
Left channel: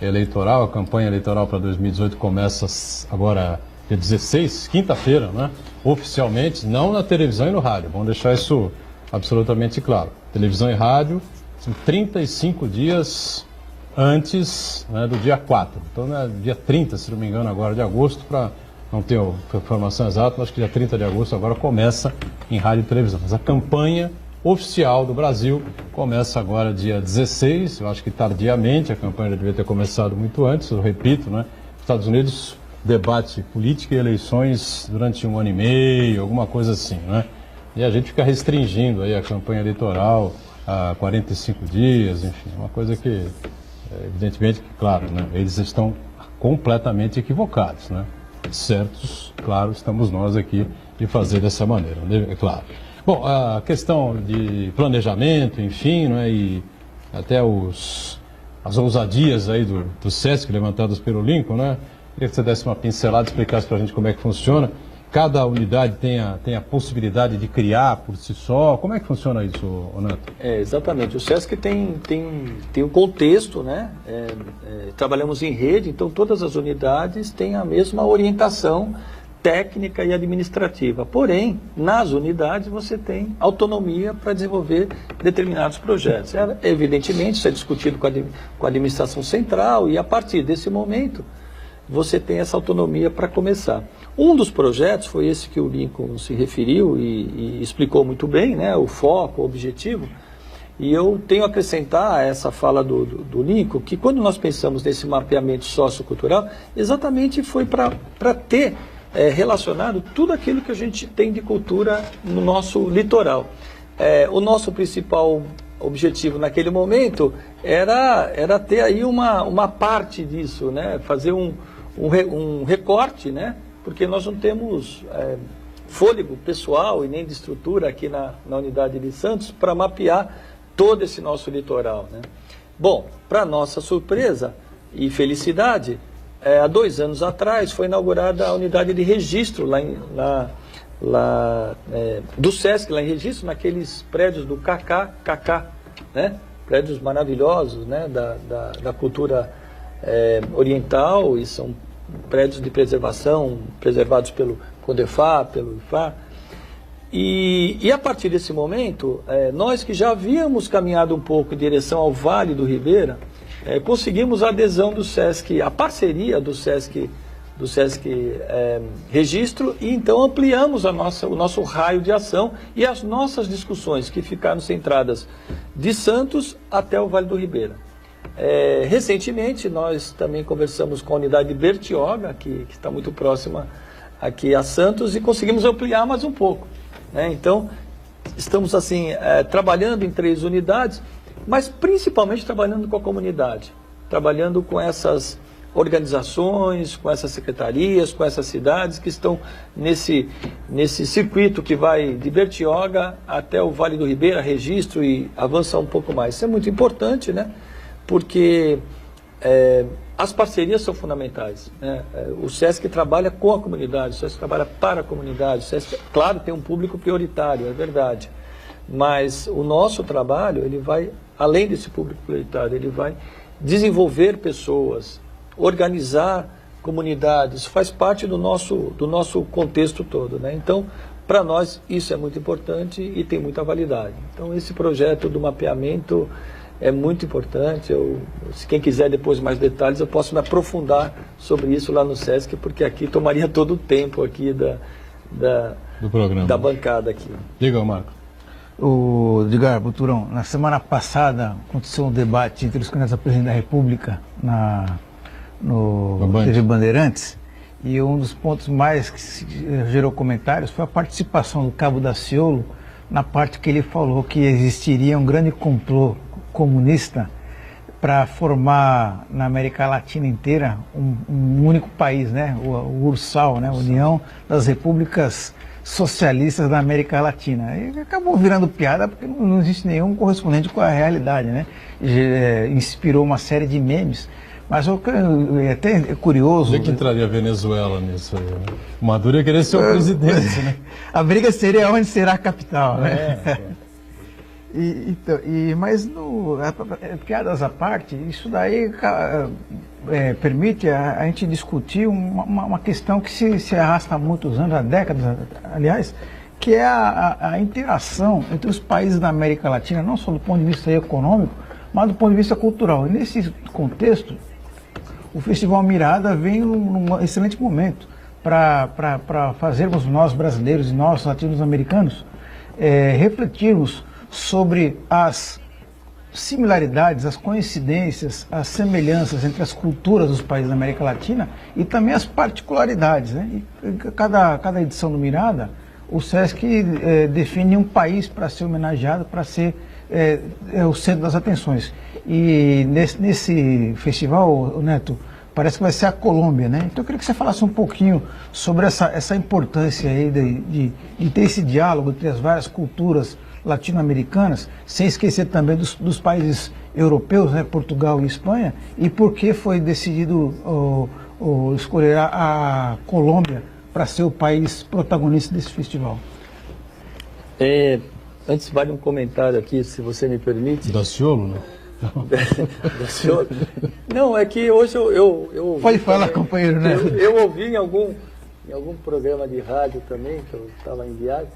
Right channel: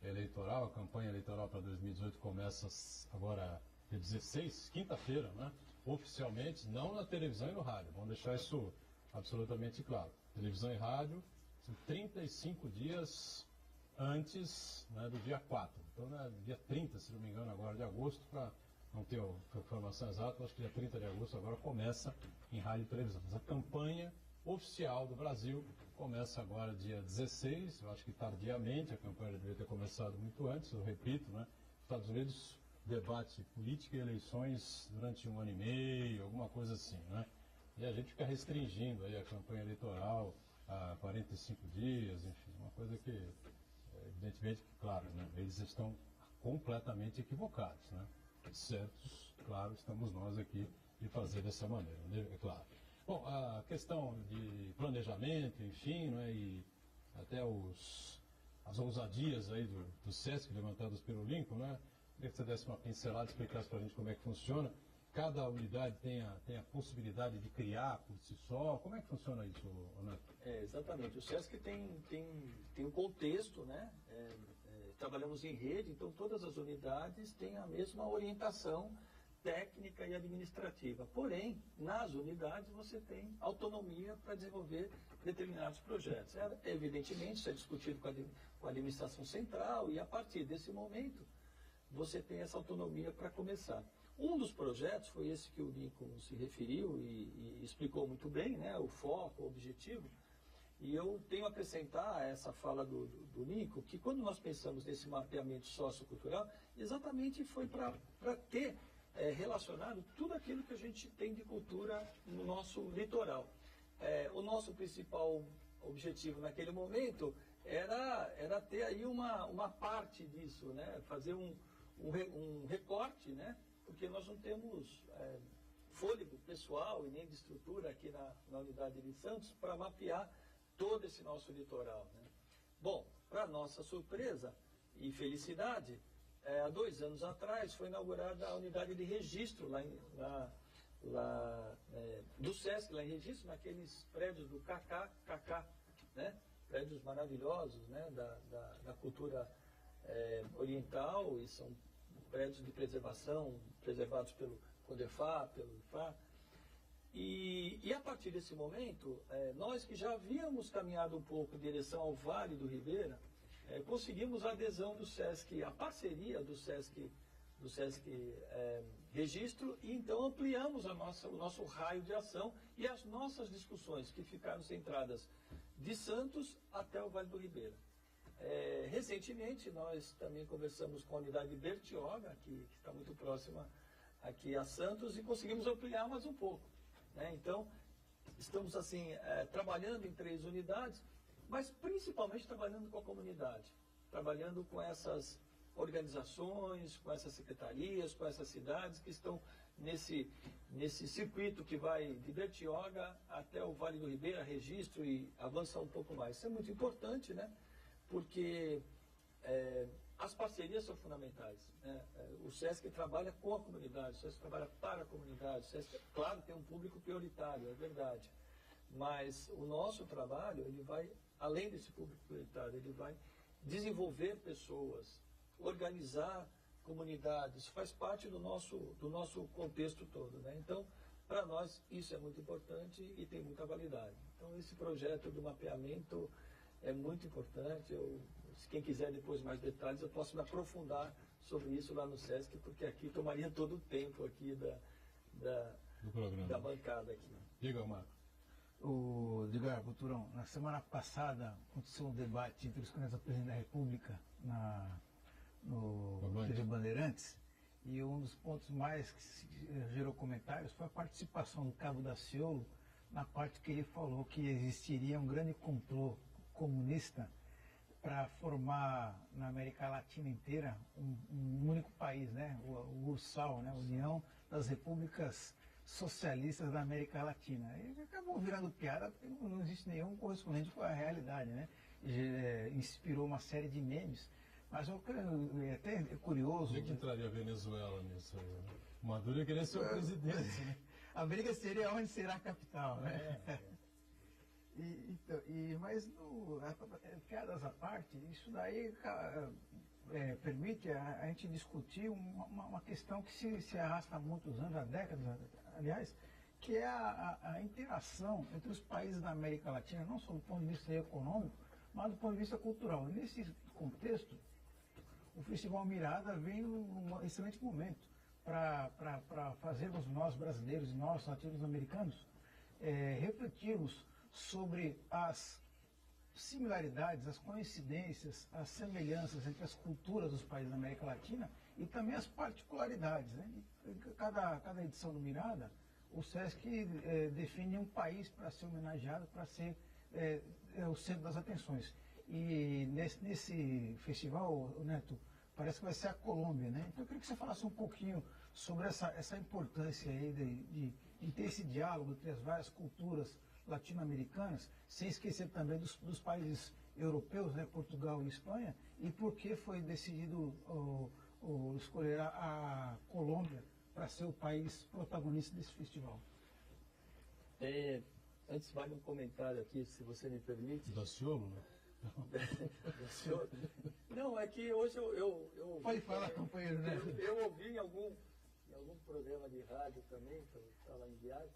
eleitoral, a campanha eleitoral para 2018 começa agora dia 16, quinta-feira, né? Oficialmente, não na televisão e no rádio, vamos deixar isso absolutamente claro. Televisão e rádio, são 35 dias antes, né, do dia 4. Então, né, dia 30, se não me engano, agora de agosto, para não ter a informação exata, mas acho que dia 30 de agosto agora começa em rádio e televisão. Mas a campanha oficial do Brasil começa agora dia 16, eu acho que tardiamente, a campanha já devia ter começado muito antes, eu repito, né? Estados Unidos debate política e eleições durante 1 ano e meio, alguma coisa assim, né? E a gente fica restringindo aí a campanha eleitoral a 45 dias, enfim, uma coisa que, evidentemente, claro, né, eles estão completamente equivocados, né? Certos, claro, estamos nós aqui de fazer dessa maneira, é claro. Bom, a questão de planejamento, enfim, né, e até as ousadias aí do SESC levantadas pelo Lincoln, né? Queria que você desse uma pincelada, explicasse para a gente como é que funciona. Cada unidade tem a possibilidade de criar por si só? Como é que funciona isso, Neto? Exatamente. O SESC tem um contexto, né? Trabalhamos em rede, então todas as unidades têm a mesma orientação técnica e administrativa. Porém, nas unidades você tem autonomia para desenvolver determinados projetos. Evidentemente, isso é discutido com a administração central e a partir desse momento você tem essa autonomia para começar. Um dos projetos foi esse que o Lincoln se referiu e explicou muito bem, né, o foco, o objetivo. E eu tenho a acrescentar a essa fala do Lincoln que quando nós pensamos nesse mapeamento sociocultural, exatamente foi para ter relacionado tudo aquilo que a gente tem de cultura no nosso litoral. O nosso principal objetivo naquele momento era ter aí uma parte disso, né, fazer um recorte, né? Porque nós não temos fôlego pessoal e nem de estrutura aqui na unidade de Santos para mapear todo esse nosso litoral, né? Bom, para nossa surpresa e felicidade, há 2 anos atrás foi inaugurada a unidade de registro do SESC, lá em Registro, naqueles prédios do KKKK, né? Prédios maravilhosos, né? da cultura oriental, e são prédios de preservação, preservados pelo CONDEFA, pelo IFA. E a partir desse momento, nós que já havíamos caminhado um pouco em direção ao Vale do Ribeira, conseguimos a adesão do SESC, a parceria do SESC Registro, e então ampliamos o nosso raio de ação e as nossas discussões, que ficaram centradas de Santos até o Vale do Ribeira. Recentemente, nós também conversamos com a unidade de Bertioga, que está muito próxima aqui a Santos, e conseguimos ampliar mais um pouco, né? Então, estamos assim, trabalhando em 3 unidades, mas principalmente trabalhando com a comunidade, trabalhando com essas organizações, com essas secretarias, com essas cidades que estão nesse circuito que vai de Bertioga até o Vale do Ribeira, Registro, e avançar um pouco mais. Isso é muito importante, né? Porque as parcerias são fundamentais, né? O SESC trabalha com a comunidade, o SESC trabalha para a comunidade, o SESC, claro, tem um público prioritário, é verdade, mas o nosso trabalho, ele vai, além desse público prioritário, ele vai desenvolver pessoas, organizar comunidades, faz parte do nosso contexto todo, né? Então, para nós, isso é muito importante e tem muita validade. Então, esse projeto do mapeamento é muito importante. Se quem quiser depois mais detalhes, eu posso me aprofundar sobre isso lá no SESC, porque aqui tomaria todo o tempo aqui do programa, da bancada aqui. Diga, Marco. Edgar Buturão, na semana passada aconteceu um debate entre os candidatos a presidente da República no TV Bandeirantes, e um dos pontos mais que gerou comentários foi a participação do Cabo Daciolo na parte que ele falou que existiria um grande complô comunista para formar na América Latina inteira um único país, né? O URSAL, né? União das Repúblicas socialistas da América Latina. E acabou virando piada porque não existe nenhum correspondente com a realidade, né? Inspirou uma série de memes. Mas é até curioso... Onde é que entraria a Venezuela nisso aí, né? Maduro ia querer ser o presidente, né? A briga seria onde será a capital, né? Mas, piadas à parte, isso daí permite a gente discutir uma questão que se arrasta há muitos anos, há décadas, aliás, que é a interação entre os países da América Latina, não só do ponto de vista econômico, mas do ponto de vista cultural. E nesse contexto, o Festival Mirada vem num excelente momento para fazermos nós brasileiros e nós latino-americanos refletirmos sobre as similaridades, as coincidências, as semelhanças entre as culturas dos países da América Latina e também as particularidades, né? E cada edição do Mirada, o SESC define um país para ser homenageado, para ser o centro das atenções. E nesse festival, Neto, parece que vai ser a Colômbia, né? Então eu queria que você falasse um pouquinho sobre essa importância aí de ter esse diálogo entre as várias culturas latino-americanas, sem esquecer também dos países europeus, né, Portugal e Espanha, e por que foi decidido escolher a Colômbia para ser o país protagonista desse festival. Antes, vale um comentário aqui, se você me permite. Daciolo, né? Daciolo. Não, é que hoje eu Pode falar, companheiro, né? Eu ouvi em algum programa de rádio também, que eu estava em viagem,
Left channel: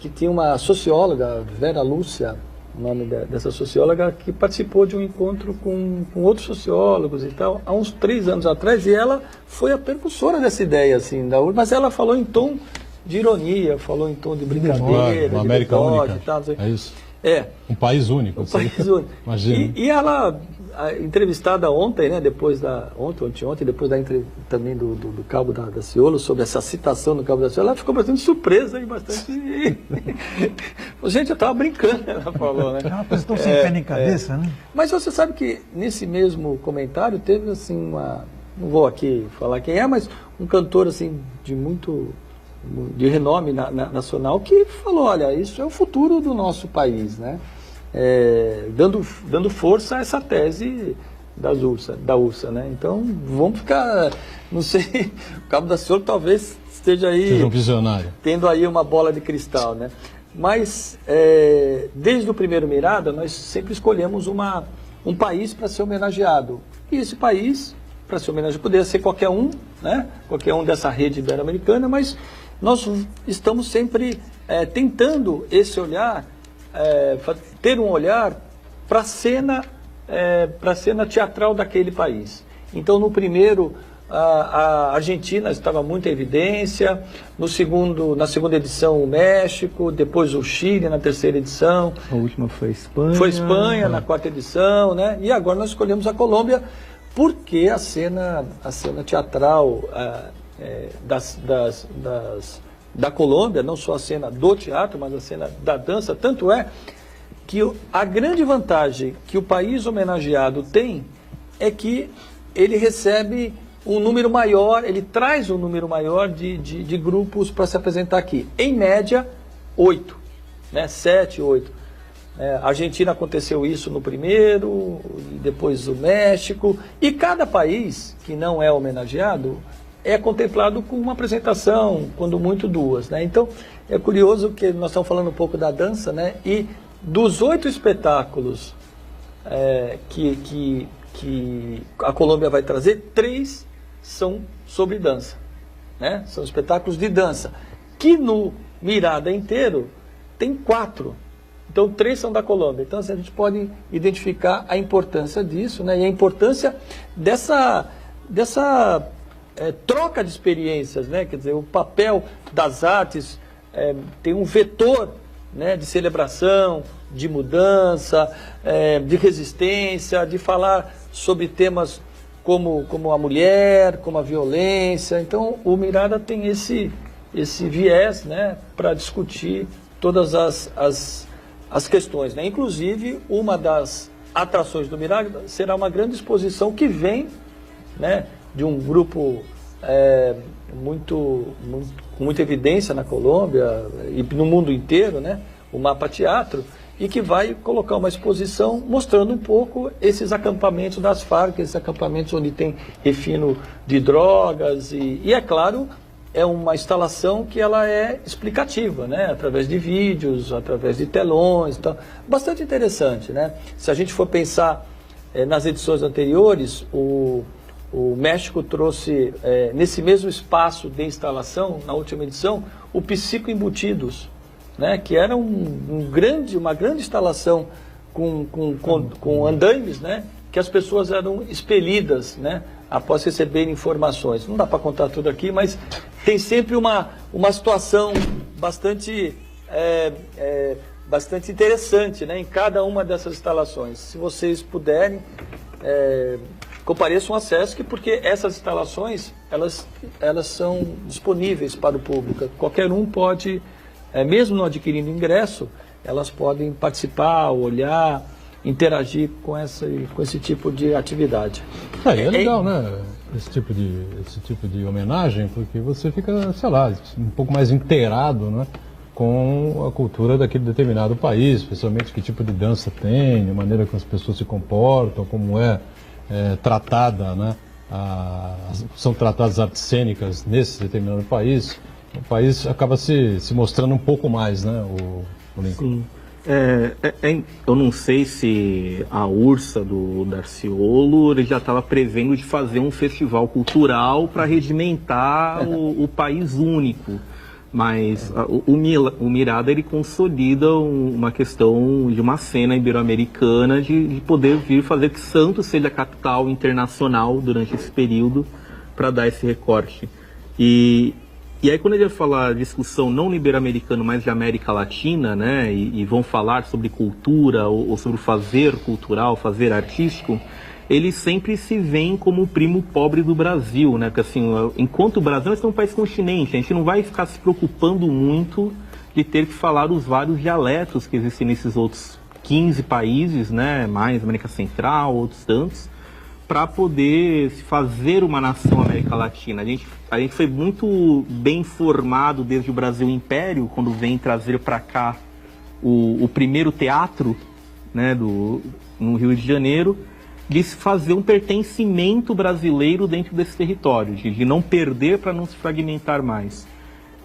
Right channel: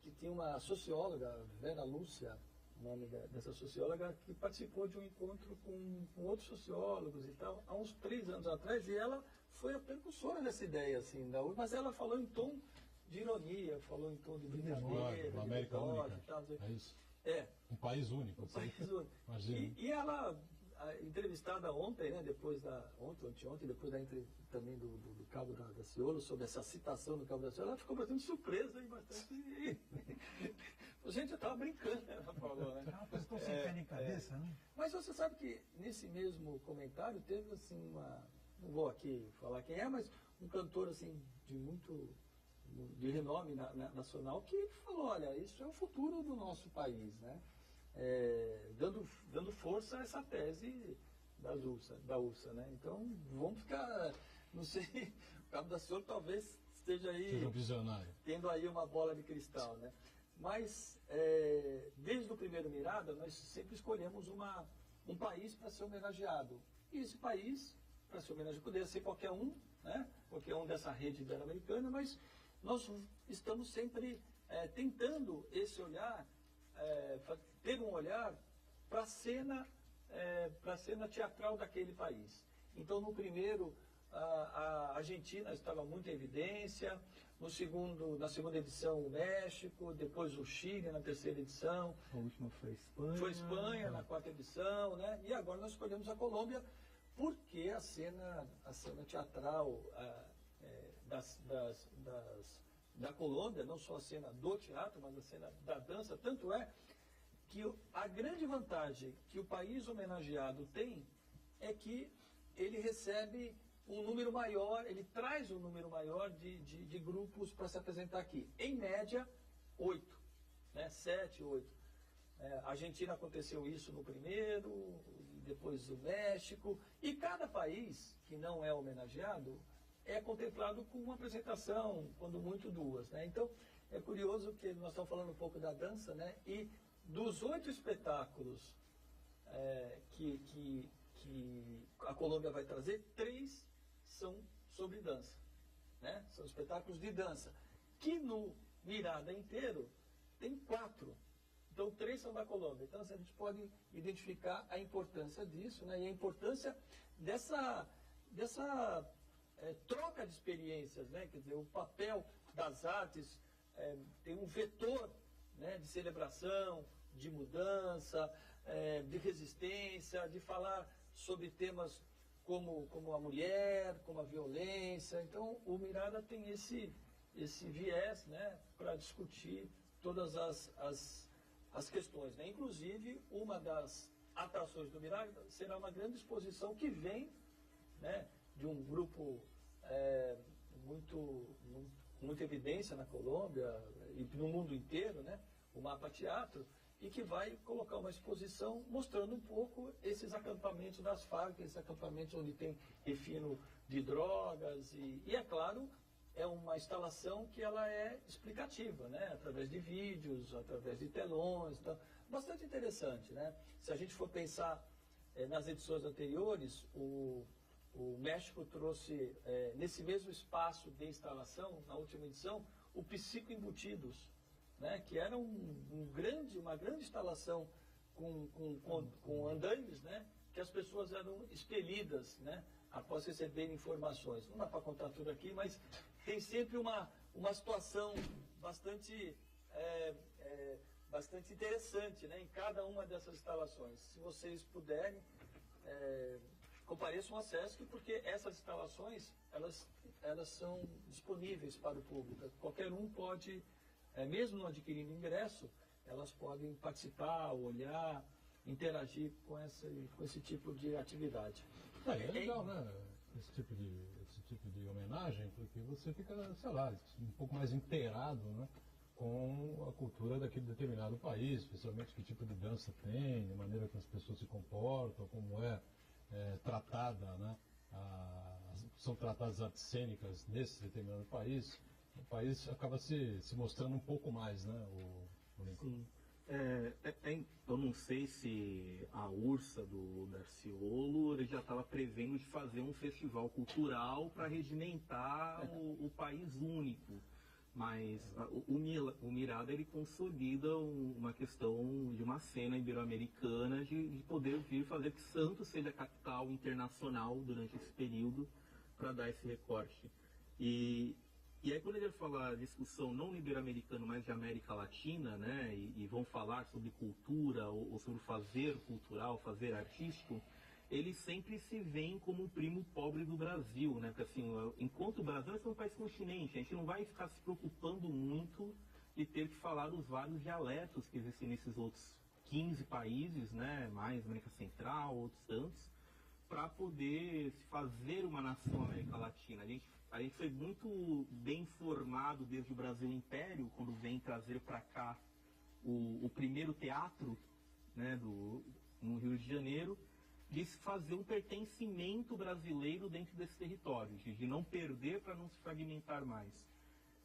que tinha uma socióloga, Vera Lúcia, o nome dessa socióloga, que participou de um encontro com outros sociólogos e tal, há uns 3 anos atrás, e ela foi a percussora dessa ideia, assim, mas ela falou em tom de ironia, falou em tom de brincadeira, uma América única, e tal, é isso? Um país único. Um país único. Imagina. E ela, entrevistada ontem, né, depois também do Cabo Daciolo, sobre essa citação do Cabo Daciolo, ela ficou bastante surpresa e bastante... Gente, eu estava brincando, ela falou, né? É uma coisa tão sem pé nem cabeça, né? Mas você sabe que nesse mesmo comentário teve, assim, não vou aqui falar quem é, mas um cantor, assim, de renome nacional, que falou, olha, isso é o futuro do nosso país, né? Dando força a essa tese da URSA, né? Então, vamos ficar, não sei, o Cabo Daciolo talvez esteja aí... Seja um visionário. Tendo aí uma bola de cristal, né? Mas, desde o primeiro Mirada, nós sempre escolhemos um país para ser homenageado. E esse país, para ser homenageado, poderia ser qualquer um, né? Qualquer um dessa rede ibero-americana, mas nós estamos sempre tentando esse olhar, ter um olhar para a cena teatral daquele país. Então, no primeiro, a Argentina estava muito em evidência, na segunda edição o México, depois o Chile na terceira edição. A última foi a Espanha. Foi a Espanha na quarta edição, né? E agora nós escolhemos a Colômbia, porque a cena teatral da Colômbia, não só a cena do teatro, mas a cena da dança, tanto é que a grande vantagem que o país homenageado tem é que ele recebe um número maior, ele traz um número maior de grupos para se apresentar aqui. Em média, 8, né? 7, 8. A Argentina aconteceu isso no primeiro, e depois o México, e cada país que não é homenageado é contemplado com uma apresentação, quando muito 2, né? Então, é curioso que nós estamos falando um pouco da dança, né? E dos 8 espetáculos que a Colômbia vai trazer, 3 são sobre dança, né? São espetáculos de dança, que no Mirada inteiro tem 4. Então, 3 são da Colômbia. Então, assim, a gente pode identificar a importância disso, né? E a importância dessa troca de experiências, né? Quer dizer, o papel das artes tem um vetor, né, de celebração, de mudança, de resistência, de falar sobre temas como a mulher, como a violência. Então, o Mirada tem esse viés, né, para discutir todas as questões, né? Inclusive, uma das atrações do Mirada será uma grande exposição que vem, né, de um grupo com muita evidência na Colômbia e no mundo inteiro, né? O Mapa Teatro, e que vai colocar uma exposição mostrando um pouco esses acampamentos das Farc, esses acampamentos onde tem refino de drogas e é claro, é uma instalação que ela é explicativa, né? Através de vídeos, através de telões, então, bastante interessante, né? Se a gente for pensar nas edições anteriores, o México trouxe, nesse mesmo espaço de instalação, na última edição, o Psico Embutidos, né, que era uma grande instalação com andaimes, né, que as pessoas eram expelidas, né, após receberem informações. Não dá para contar tudo aqui, mas tem sempre uma situação bastante interessante, né, em cada uma dessas instalações. Se vocês puderem, compareçam ao SESC, porque essas instalações elas são disponíveis para o público. Qualquer um pode... mesmo não adquirindo ingresso, elas podem participar, olhar, interagir com esse tipo de atividade. É legal, né? Esse tipo de homenagem, porque você fica, sei lá, um pouco mais inteirado, né? Com a cultura daquele determinado país, especialmente que tipo de dança tem, a maneira que as pessoas se comportam, como tratada, né? São tratadas artes cênicas nesse determinado país. O país acaba se mostrando um pouco mais, né, o Lincoln? Sim. Eu não sei se a Ursa do Darciolo ele já estava prevendo de fazer um festival cultural para regimentar o país único. Mas o Mirada ele consolida uma questão de uma cena ibero-americana de poder vir fazer que Santos seja a capital internacional durante esse período para dar esse recorte. E aí, quando ele vai falar discussão não ibero-americana, mas de América Latina, né, e vão falar sobre cultura ou sobre o fazer cultural, fazer artístico, eles sempre se veem como o primo pobre do Brasil, né? Porque assim, enquanto o Brasil é um país continente, a gente não vai ficar se preocupando muito de ter que falar os vários dialetos que existem nesses outros 15 países, né, mais América Central, outros tantos, para poder fazer uma nação América Latina. A gente foi muito bem formado desde o Brasil Império, quando vem trazer para cá o primeiro teatro, né, no Rio de Janeiro, de se fazer um pertencimento brasileiro dentro desse território, de não perder para não se fragmentar mais.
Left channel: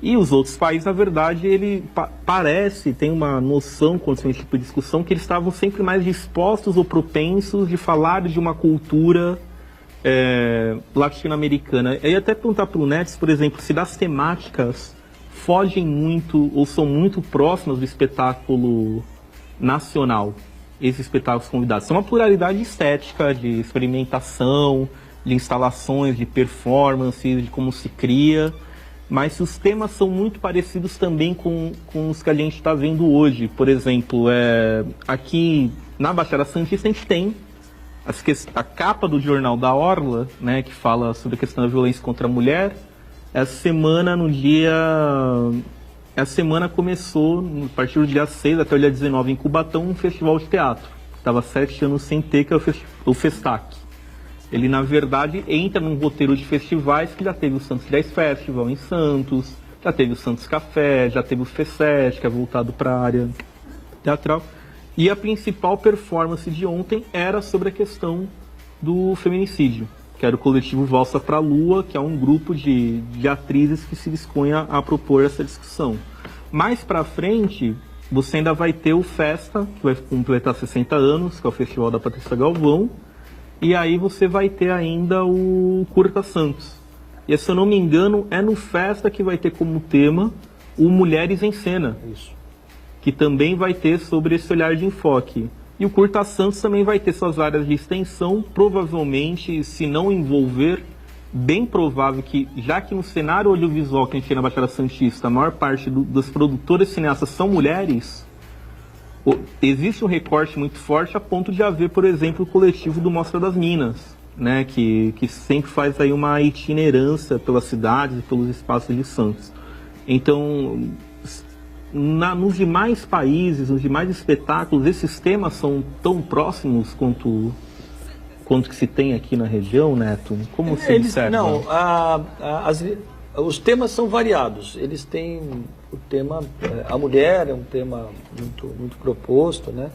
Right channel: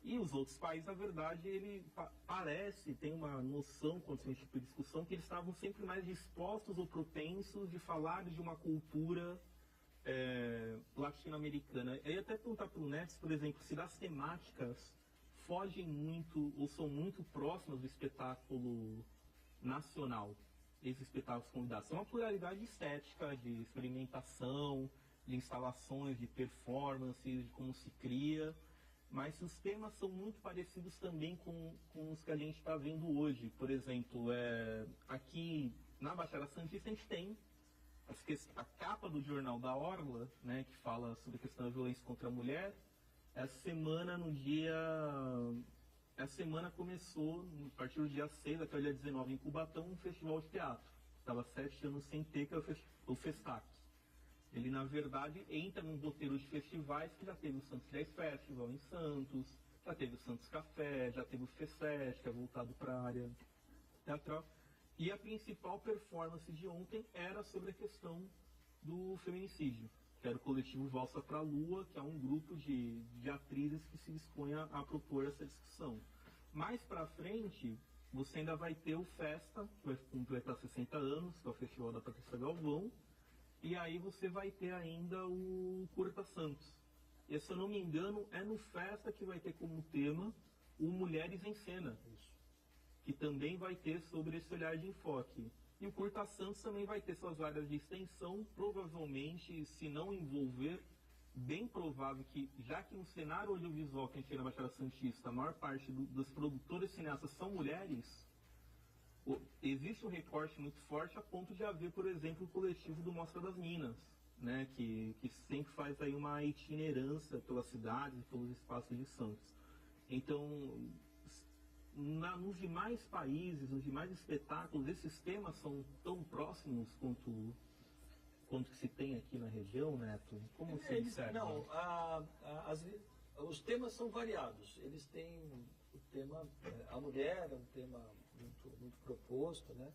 E os outros países, na verdade, ele tem uma noção, quando tem esse tipo de discussão, que eles estavam sempre mais dispostos ou propensos de falar de uma cultura latino-americana. Eu ia até perguntar para o Nets, por exemplo, se das temáticas fogem muito ou são muito próximas do espetáculo nacional, esses espetáculos convidados. São uma pluralidade estética, de experimentação, de instalações, de performances, de como se cria, mas os temas são muito parecidos também com os que a gente está vendo hoje. Por exemplo, aqui na Baixada Santista a gente tem a capa do Jornal da Orla, né, que fala sobre a questão da violência contra a mulher. Essa semana começou, a partir do dia 6 até o dia 19, em Cubatão, um festival de teatro. Estava 7 anos sem ter, que é o Festac. Ele, na verdade, entra num roteiro de festivais que já teve o Santos Jazz Festival em Santos, já teve o Santos Café, já teve o FESET, que é voltado para a área teatral. E a principal performance de ontem era sobre a questão do feminicídio, que era o coletivo Valsa pra Lua, que é um grupo de atrizes que se dispõe a propor essa discussão. Mais para frente, você ainda vai ter o Festa, que vai completar 60 anos, que é o Festival da Patrícia Galvão, e aí você vai ter ainda o Curta Santos. E se eu não me engano, é no Festa que vai ter como tema o Mulheres em Cena. Isso. Que também vai ter sobre esse olhar de enfoque. E o Curta Santos também vai ter suas áreas de extensão, provavelmente, se não envolver, bem provável que, já que no cenário audiovisual que a gente tem na Baixada Santista, a maior parte das produtoras cineastas são mulheres, existe um recorte muito forte a ponto de haver, por exemplo, o coletivo do Mostra das Minas, né, que sempre faz aí uma itinerância pelas cidades e pelos espaços de Santos. Então, nos demais países, nos demais espetáculos, esses temas são tão próximos quanto que se tem aqui na região, Neto? Como se observa? Não, os temas são variados. Eles têm o tema, a mulher é um tema muito proposto, né?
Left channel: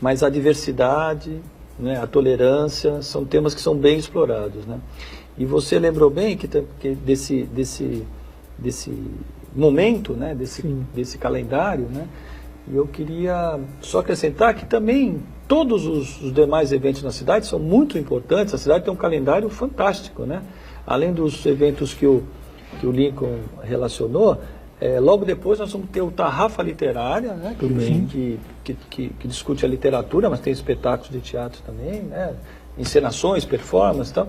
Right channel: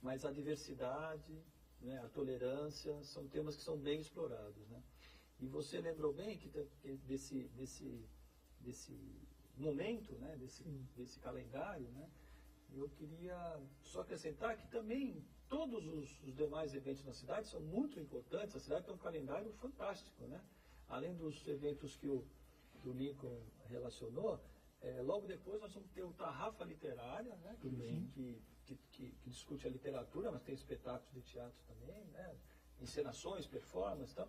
Mas a diversidade, né, a tolerância, são temas que são bem explorados, né? E você lembrou bem que desse momento, né, desse calendário, né? E eu queria só acrescentar que também todos os demais eventos na cidade são muito importantes. A cidade tem um calendário fantástico, né? Além dos eventos que o Lincoln relacionou, logo depois nós vamos ter o Tarrafa Literária, né? Que discute a literatura, mas tem espetáculos de teatro também, né? Encenações, performances e tal.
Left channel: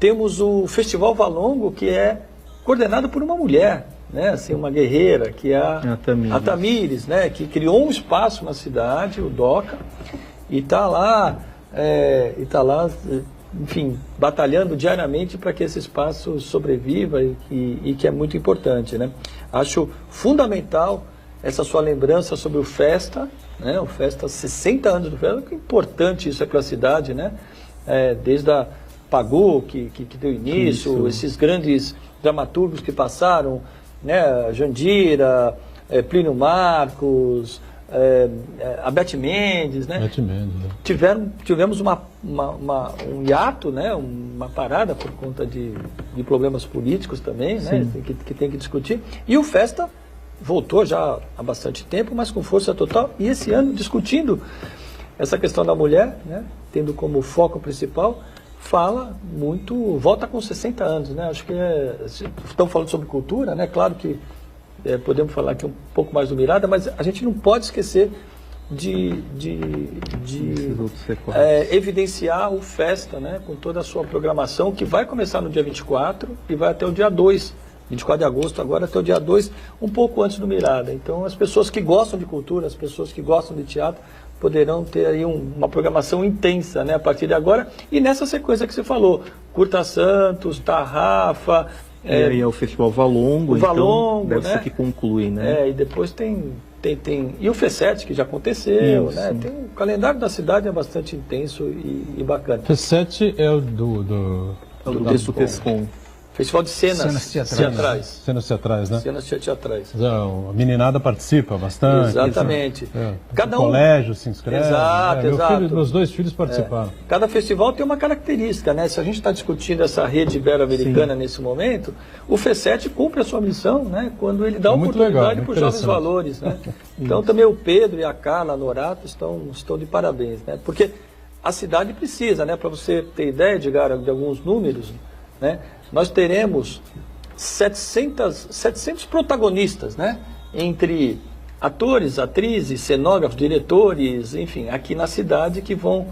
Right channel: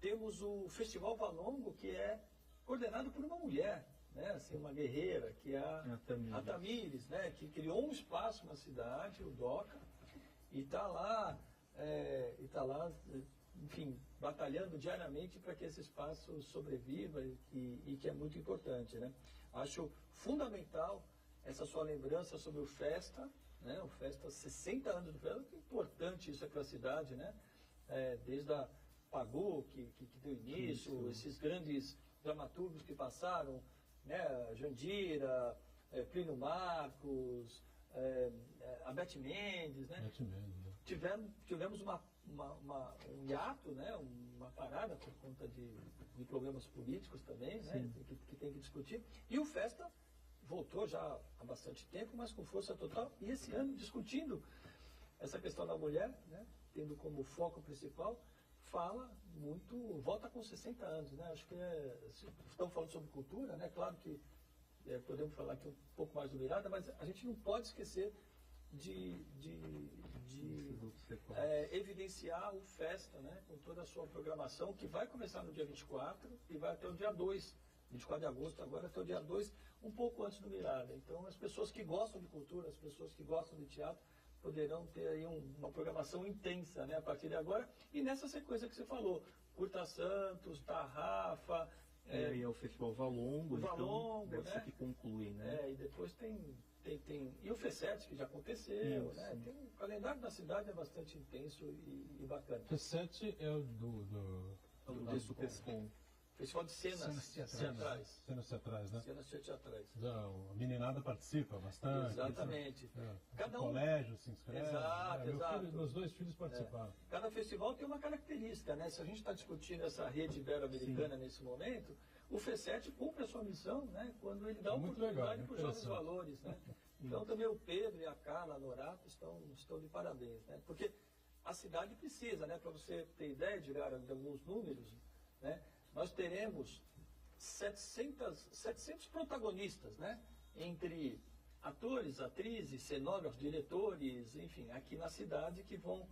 Temos o Festival Valongo, que é coordenado por uma mulher, né? Assim, uma guerreira, que é a Tamires, né? Que criou um espaço na cidade, o DOCA, e está lá, enfim, batalhando diariamente para que esse espaço sobreviva e que é muito importante, né? Acho fundamental essa sua lembrança sobre o Festa, né? O Festa, 60 anos do Festa, que importante isso é para a cidade, né? Desde a Pagu, que deu início, isso. Esses grandes dramaturgos que passaram, né? Jandira, Plínio Marcos, a Beth Mendes, né? Beth Mendes, né? Tivemos um hiato, né? Uma parada por conta de problemas políticos também, né? Que tem que discutir. E o Festa voltou já há bastante tempo, mas com força total. E esse ano, discutindo essa questão da mulher, né? Tendo como foco principal, volta com 60 anos, né? Acho que estão falando sobre cultura, né? Claro que podemos falar aqui um pouco mais do Mirada, mas a gente não pode esquecer de evidenciar o Festa, né? Com toda a sua programação, que vai começar no dia 24 e vai até o dia 2, 24 de agosto, agora até o dia 2, um pouco antes do Mirada. Então, as pessoas que gostam de cultura, as pessoas que gostam de teatro, poderão ter aí uma programação intensa, né, a partir de agora. E nessa sequência que você falou, Curta Santos, Tarrafa... E aí é o Festival Valongo, Valongo, então deve né? ser que conclui, né? E depois tem... E o FE7, que já aconteceu, né? Tem, o calendário da cidade é bastante intenso e bacana. FE7 é o do Descom. Festival de cenas teatrais. Cenas teatrais, né? Cenas teatrais. A meninada participa bastante. Exatamente. O colégio se inscreve. Exato. Meus 2 filhos participaram. Cada festival tem uma característica, né? Se a gente está discutindo essa rede ibero-americana nesse momento, o FE7 cumpre a sua missão, né? Quando ele dá oportunidade para os jovens valores, né? Então também o Pedro e a Carla Norato estão de parabéns, né? Porque a cidade precisa, né? Para você ter ideia, Edgar, de alguns números, né? Nós teremos 700 protagonistas, né? Entre atores, atrizes, cenógrafos, diretores, enfim, aqui na cidade que vão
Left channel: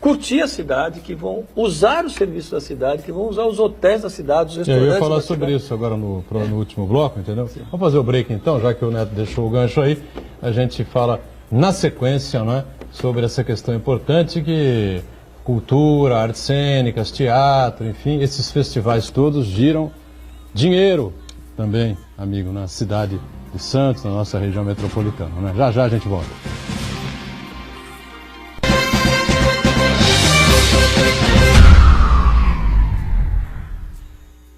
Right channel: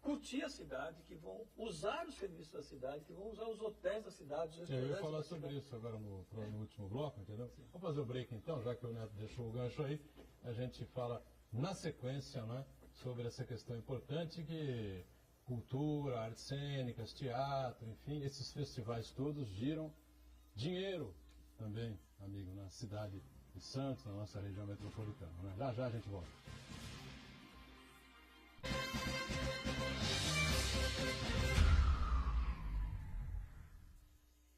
curtir a cidade, que vão usar os serviços da cidade, que vão usar os hotéis da cidade, os restaurantes. Eu ia falar sobre isso agora no último bloco, entendeu? Sim. Vamos fazer o break então, já que o Neto deixou o gancho aí, a gente fala na sequência, né, sobre essa questão importante que cultura, artes cênicas, teatro, enfim, esses festivais todos giram dinheiro também, amigo, na cidade de Santos, na nossa região metropolitana, né? Já a gente volta.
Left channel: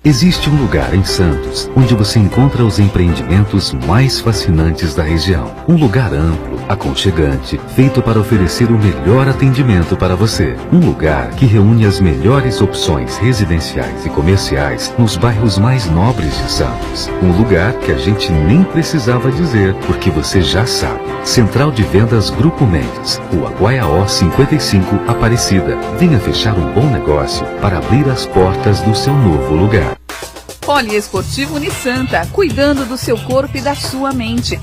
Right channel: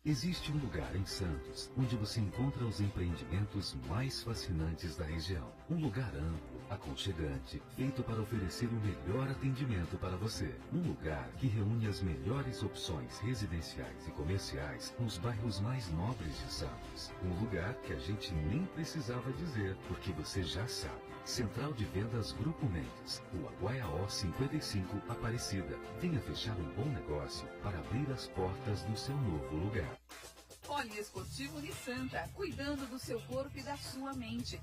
Existe um lugar em Santos onde você encontra os empreendimentos mais fascinantes da região. Um lugar amplo, aconchegante, feito para oferecer o melhor atendimento para você. Um lugar que reúne as melhores opções residenciais e comerciais nos bairros mais nobres de Santos. Um lugar que a gente nem precisava dizer, porque você já sabe. Central de Vendas Grupo Mendes, Rua Guaiaó 55, Aparecida. Venha fechar um bom negócio para abrir as portas do seu novo lugar. Poliesportivo Unisanta, cuidando do seu corpo e da sua mente.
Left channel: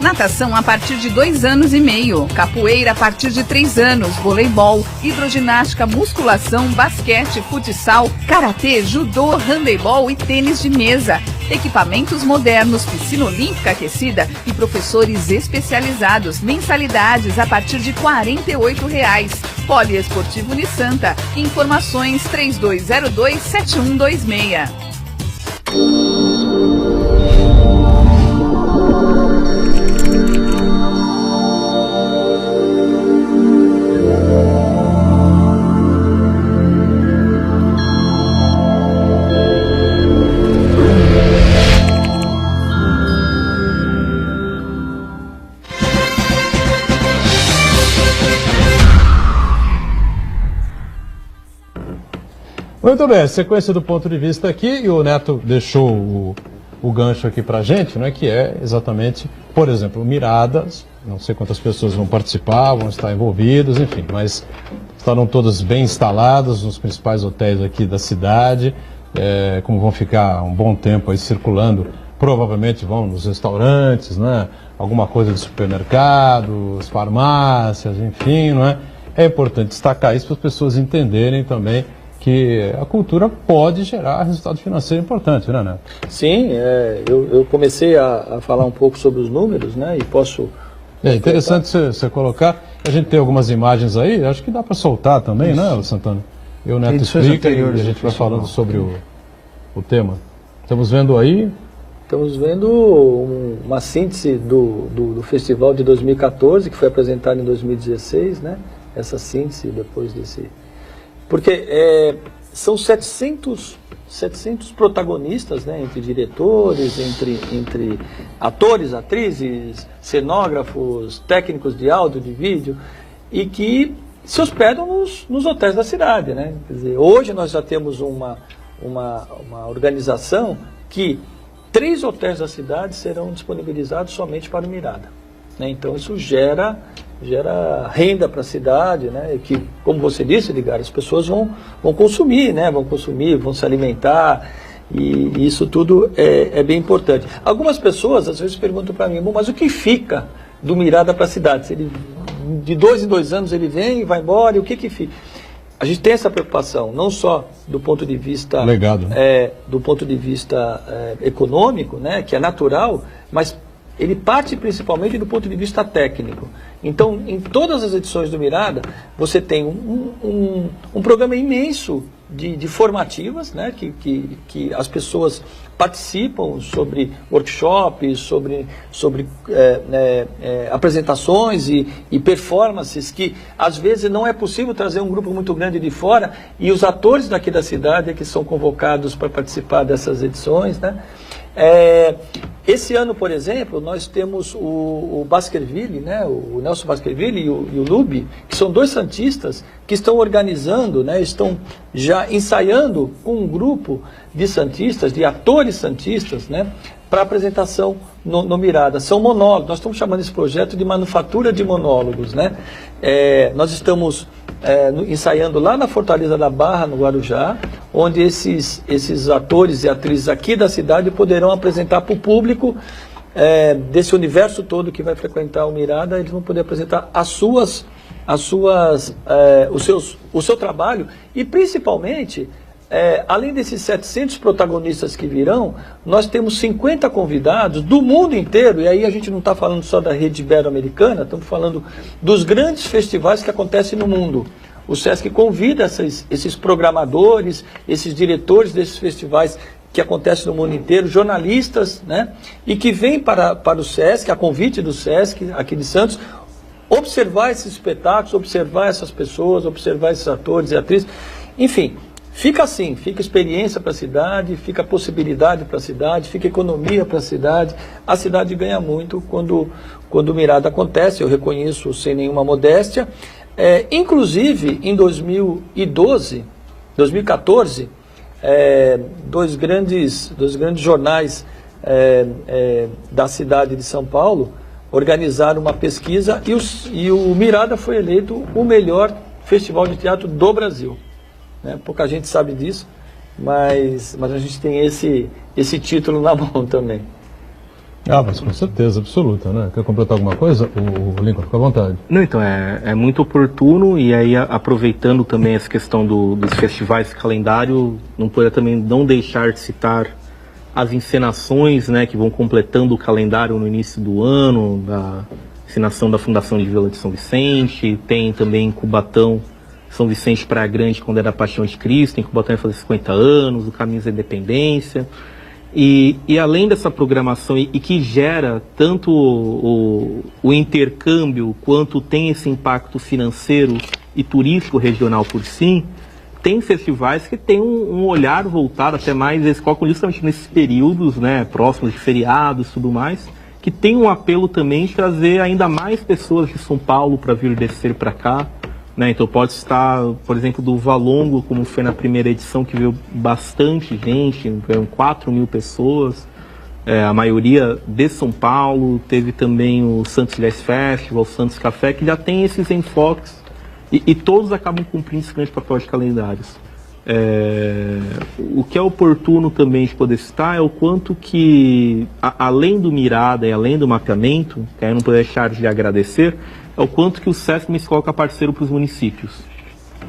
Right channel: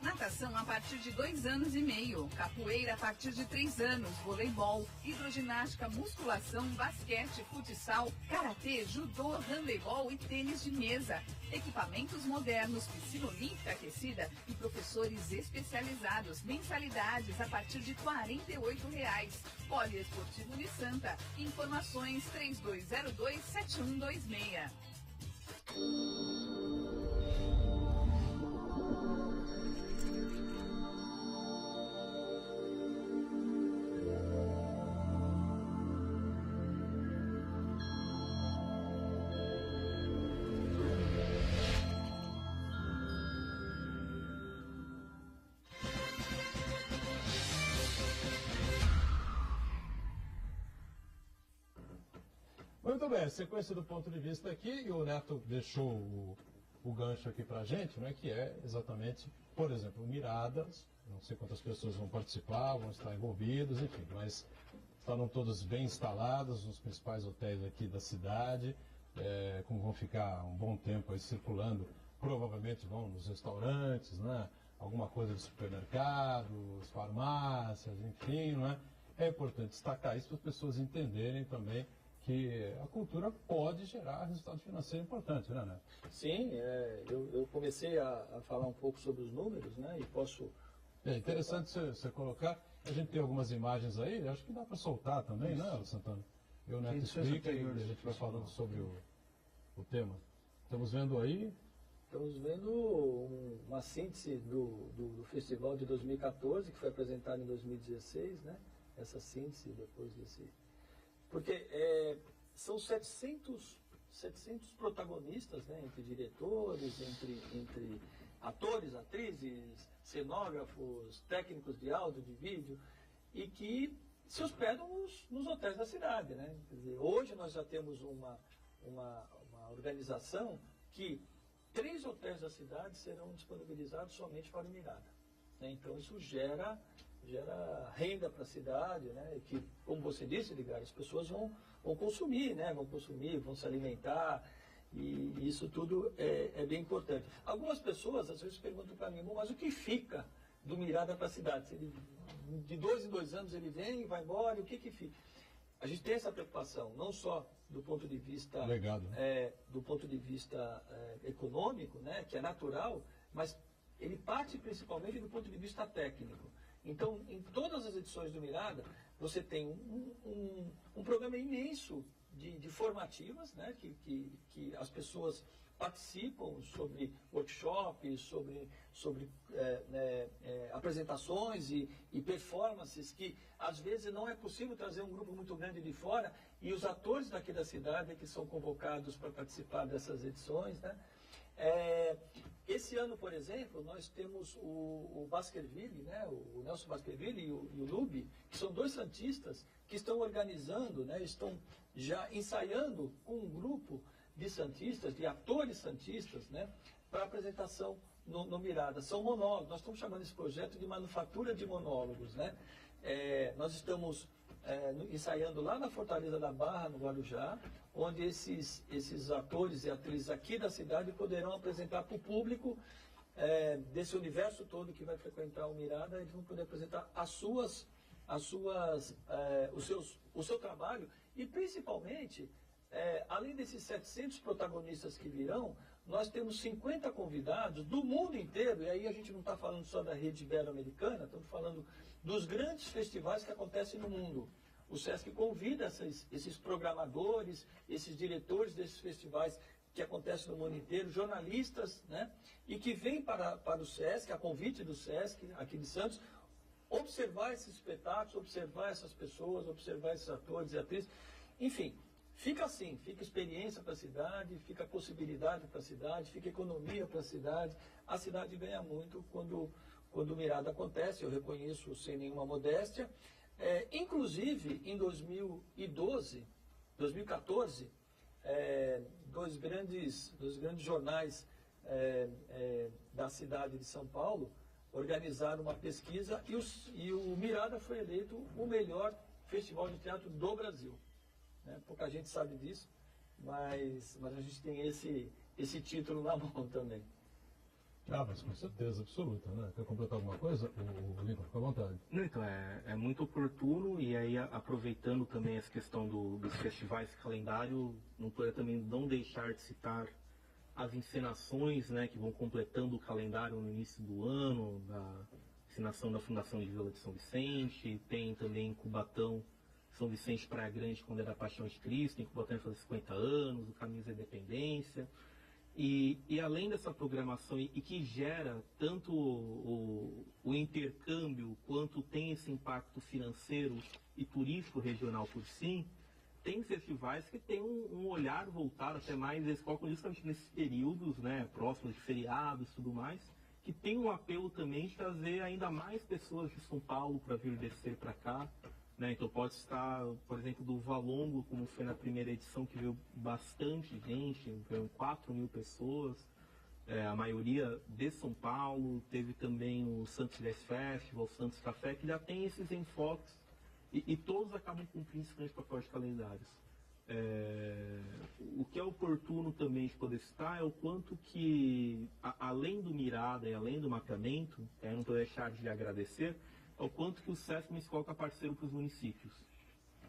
Natação a partir de 2 anos e meio, capoeira a partir de 3 anos, voleibol, hidroginástica, musculação, basquete, futsal, karatê, judô, handebol e tênis de mesa. Equipamentos modernos, piscina olímpica aquecida e professores especializados. Mensalidades a partir de R$ 48,00. Poliesportivo Unisanta. Informações 3202-7126. Muito bem, sequência do ponto de vista aqui, e o Neto deixou o gancho aqui pra gente, né, que é exatamente, por exemplo, Miradas, não sei quantas pessoas vão participar, vão estar envolvidas, enfim, mas estarão todos bem instalados nos principais hotéis aqui da cidade, como vão ficar um bom tempo aí circulando, provavelmente vão nos restaurantes, né, alguma coisa de supermercados, farmácias, enfim, não é? É importante destacar isso para as pessoas entenderem também que a cultura pode gerar resultado financeiro importante, né, Neto? Sim, eu comecei a falar um pouco sobre os números, né, e posso... É interessante você colocar, a gente tem algumas imagens aí, acho que dá para soltar também, isso, né, Santana? E o Neto explica e a gente vai falando sobre o tema. Estamos vendo aí... Estamos vendo uma síntese do festival de 2014, que foi apresentado em 2016, né, essa síntese depois desse... Porque são 700 protagonistas, né, entre diretores, entre atores, atrizes, cenógrafos, técnicos de áudio, de vídeo, e que se hospedam nos hotéis da cidade, né? Quer dizer, hoje nós já temos uma organização que 3 hotéis da cidade serão disponibilizados somente para o Mirada, né? Então isso gera renda para a cidade, né? Que, como você disse, Edgar, as pessoas vão consumir, né? Vão se alimentar, e isso tudo é bem importante. Algumas pessoas às vezes perguntam para mim, bom, mas o que fica do Mirada para a cidade? Se ele, de 2 em 2 anos ele vem e vai embora, e o que fica? A gente tem essa preocupação, não só do ponto de vista legado, do ponto de vista econômico, né? Que é natural, mas ele parte principalmente do ponto de vista técnico. Então, em todas as edições do Mirada, você tem um programa imenso de formativas, né, que as pessoas participam sobre workshops, sobre apresentações e performances que, às vezes, não é possível trazer um grupo muito grande de fora, e os atores daqui da cidade é que são convocados para participar dessas edições, né? Esse ano, por exemplo, nós temos o Baskerville, né, o Nelson Baskerville e o Lubi, que são 2 santistas que estão organizando, né, estão já ensaiando com um grupo de santistas, de atores santistas, né, para apresentação no Mirada. São monólogos, nós estamos chamando esse projeto de manufatura de monólogos, né? Nós estamos ensaiando lá na Fortaleza da Barra, no Guarujá, onde esses atores e atrizes aqui da cidade poderão apresentar para o público desse universo todo que vai frequentar o Mirada. Eles vão poder apresentar o seu trabalho e, principalmente, além desses 700 protagonistas que virão, nós temos 50 convidados do mundo inteiro, e aí a gente não está falando só da rede ibero-americana, estamos falando dos grandes festivais que acontecem no mundo. O SESC convida esses programadores, esses diretores desses festivais que acontecem no mundo inteiro, jornalistas, né, e que vêm para o SESC, a convite do SESC, aqui de Santos, observar esses espetáculos, observar essas pessoas, observar esses atores e atrizes, enfim. Fica assim, fica experiência para a cidade, fica possibilidade para a cidade, fica economia para a cidade ganha muito quando o Mirada acontece, eu reconheço sem nenhuma modéstia. Inclusive, em 2014, 2 grandes jornais da cidade de São Paulo organizaram uma pesquisa e o Mirada foi eleito o melhor festival de teatro do Brasil. Pouca gente sabe disso, mas a gente tem esse título na mão também. Mas com certeza, absoluta, né? Quer completar alguma coisa? O Lincoln, fica à vontade. Não, então, é muito oportuno, e aí aproveitando também essa questão dos festivais, calendário, não poderia também não deixar de citar as encenações, né, que vão completando o calendário no início do ano, da encenação da Fundação de Vila de São Vicente, tem também Cubatão, São Vicente Praia Grande, quando era a Paixão de Cristo, em Cubatão vai fazer 50 anos, o Caminhos da Independência. E além dessa programação, e que gera tanto o intercâmbio, quanto tem esse impacto financeiro e turístico regional por si, tem festivais que têm um olhar voltado até mais, eles colocam justamente nesses períodos, né, próximos de feriados e tudo mais, que tem um apelo também de trazer ainda mais pessoas de São Paulo para vir descer para cá, né? Então pode estar, por exemplo, do Valongo, como foi na primeira edição, que veio bastante gente, veio 4.000 pessoas, a maioria de São Paulo. Teve também o Santos Jazz Festival, o Santos Café, que já tem esses enfoques, e todos acabam cumprindo esse grande papel de calendários. O que é oportuno também de poder citar é o quanto que, além do Mirada e além do mapeamento, que aí eu não poderia deixar de agradecer, é o quanto que o SESC me coloca parceiro para os municípios,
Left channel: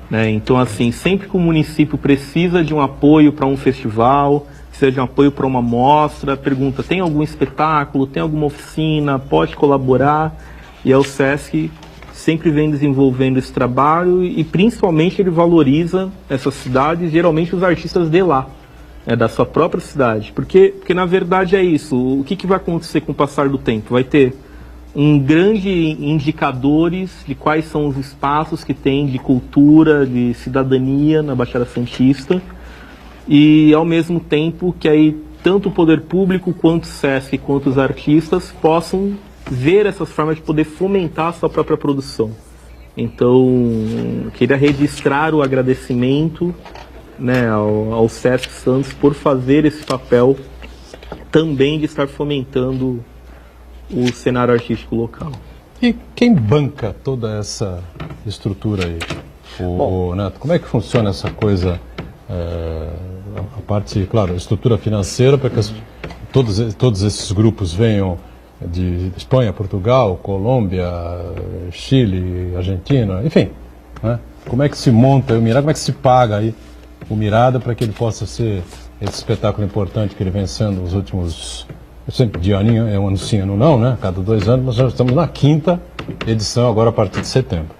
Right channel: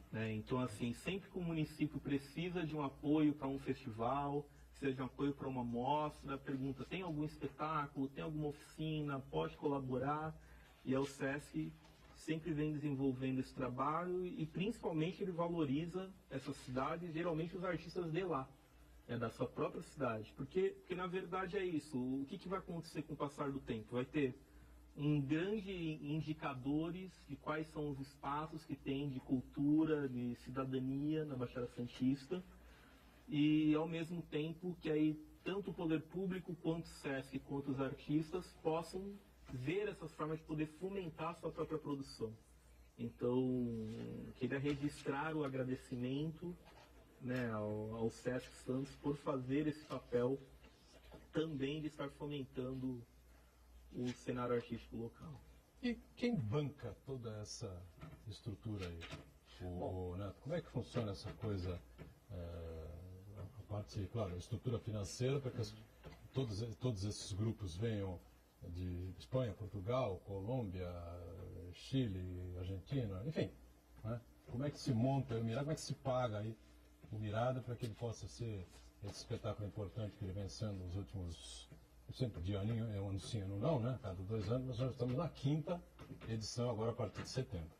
né? Então, assim, sempre que o município precisa de um apoio para um festival, precisa de um apoio para uma mostra, pergunta, tem algum espetáculo, tem alguma oficina, pode colaborar? E o SESC sempre vem desenvolvendo esse trabalho, e principalmente ele valoriza essas cidades, geralmente os artistas de lá, né, da sua própria cidade. Porque na verdade é isso. O que vai acontecer com o passar do tempo? Vai ter um grande indicadores de quais são os espaços que tem de cultura, de cidadania na Baixada Santista, e ao mesmo tempo que aí tanto o poder público quanto o SESC quanto os artistas possam ver essas formas de poder fomentar a sua própria produção. Então, queria registrar o agradecimento, né, ao SESC Santos por fazer esse papel também de estar fomentando o cenário artístico local. E quem banca toda essa estrutura aí? Neto, como é que funciona essa coisa, a parte, claro, a estrutura financeira, para que todos esses grupos venham de Espanha, Portugal, Colômbia, Chile, Argentina, enfim, né? Como é que se monta o Mirada, como é que se paga aí o Mirada para que ele possa ser esse espetáculo importante que ele vem sendo os últimos, sempre de aninho, é um ano sim, ano não, né? Cada 2 anos, mas já estamos na 5ª edição agora a partir de setembro.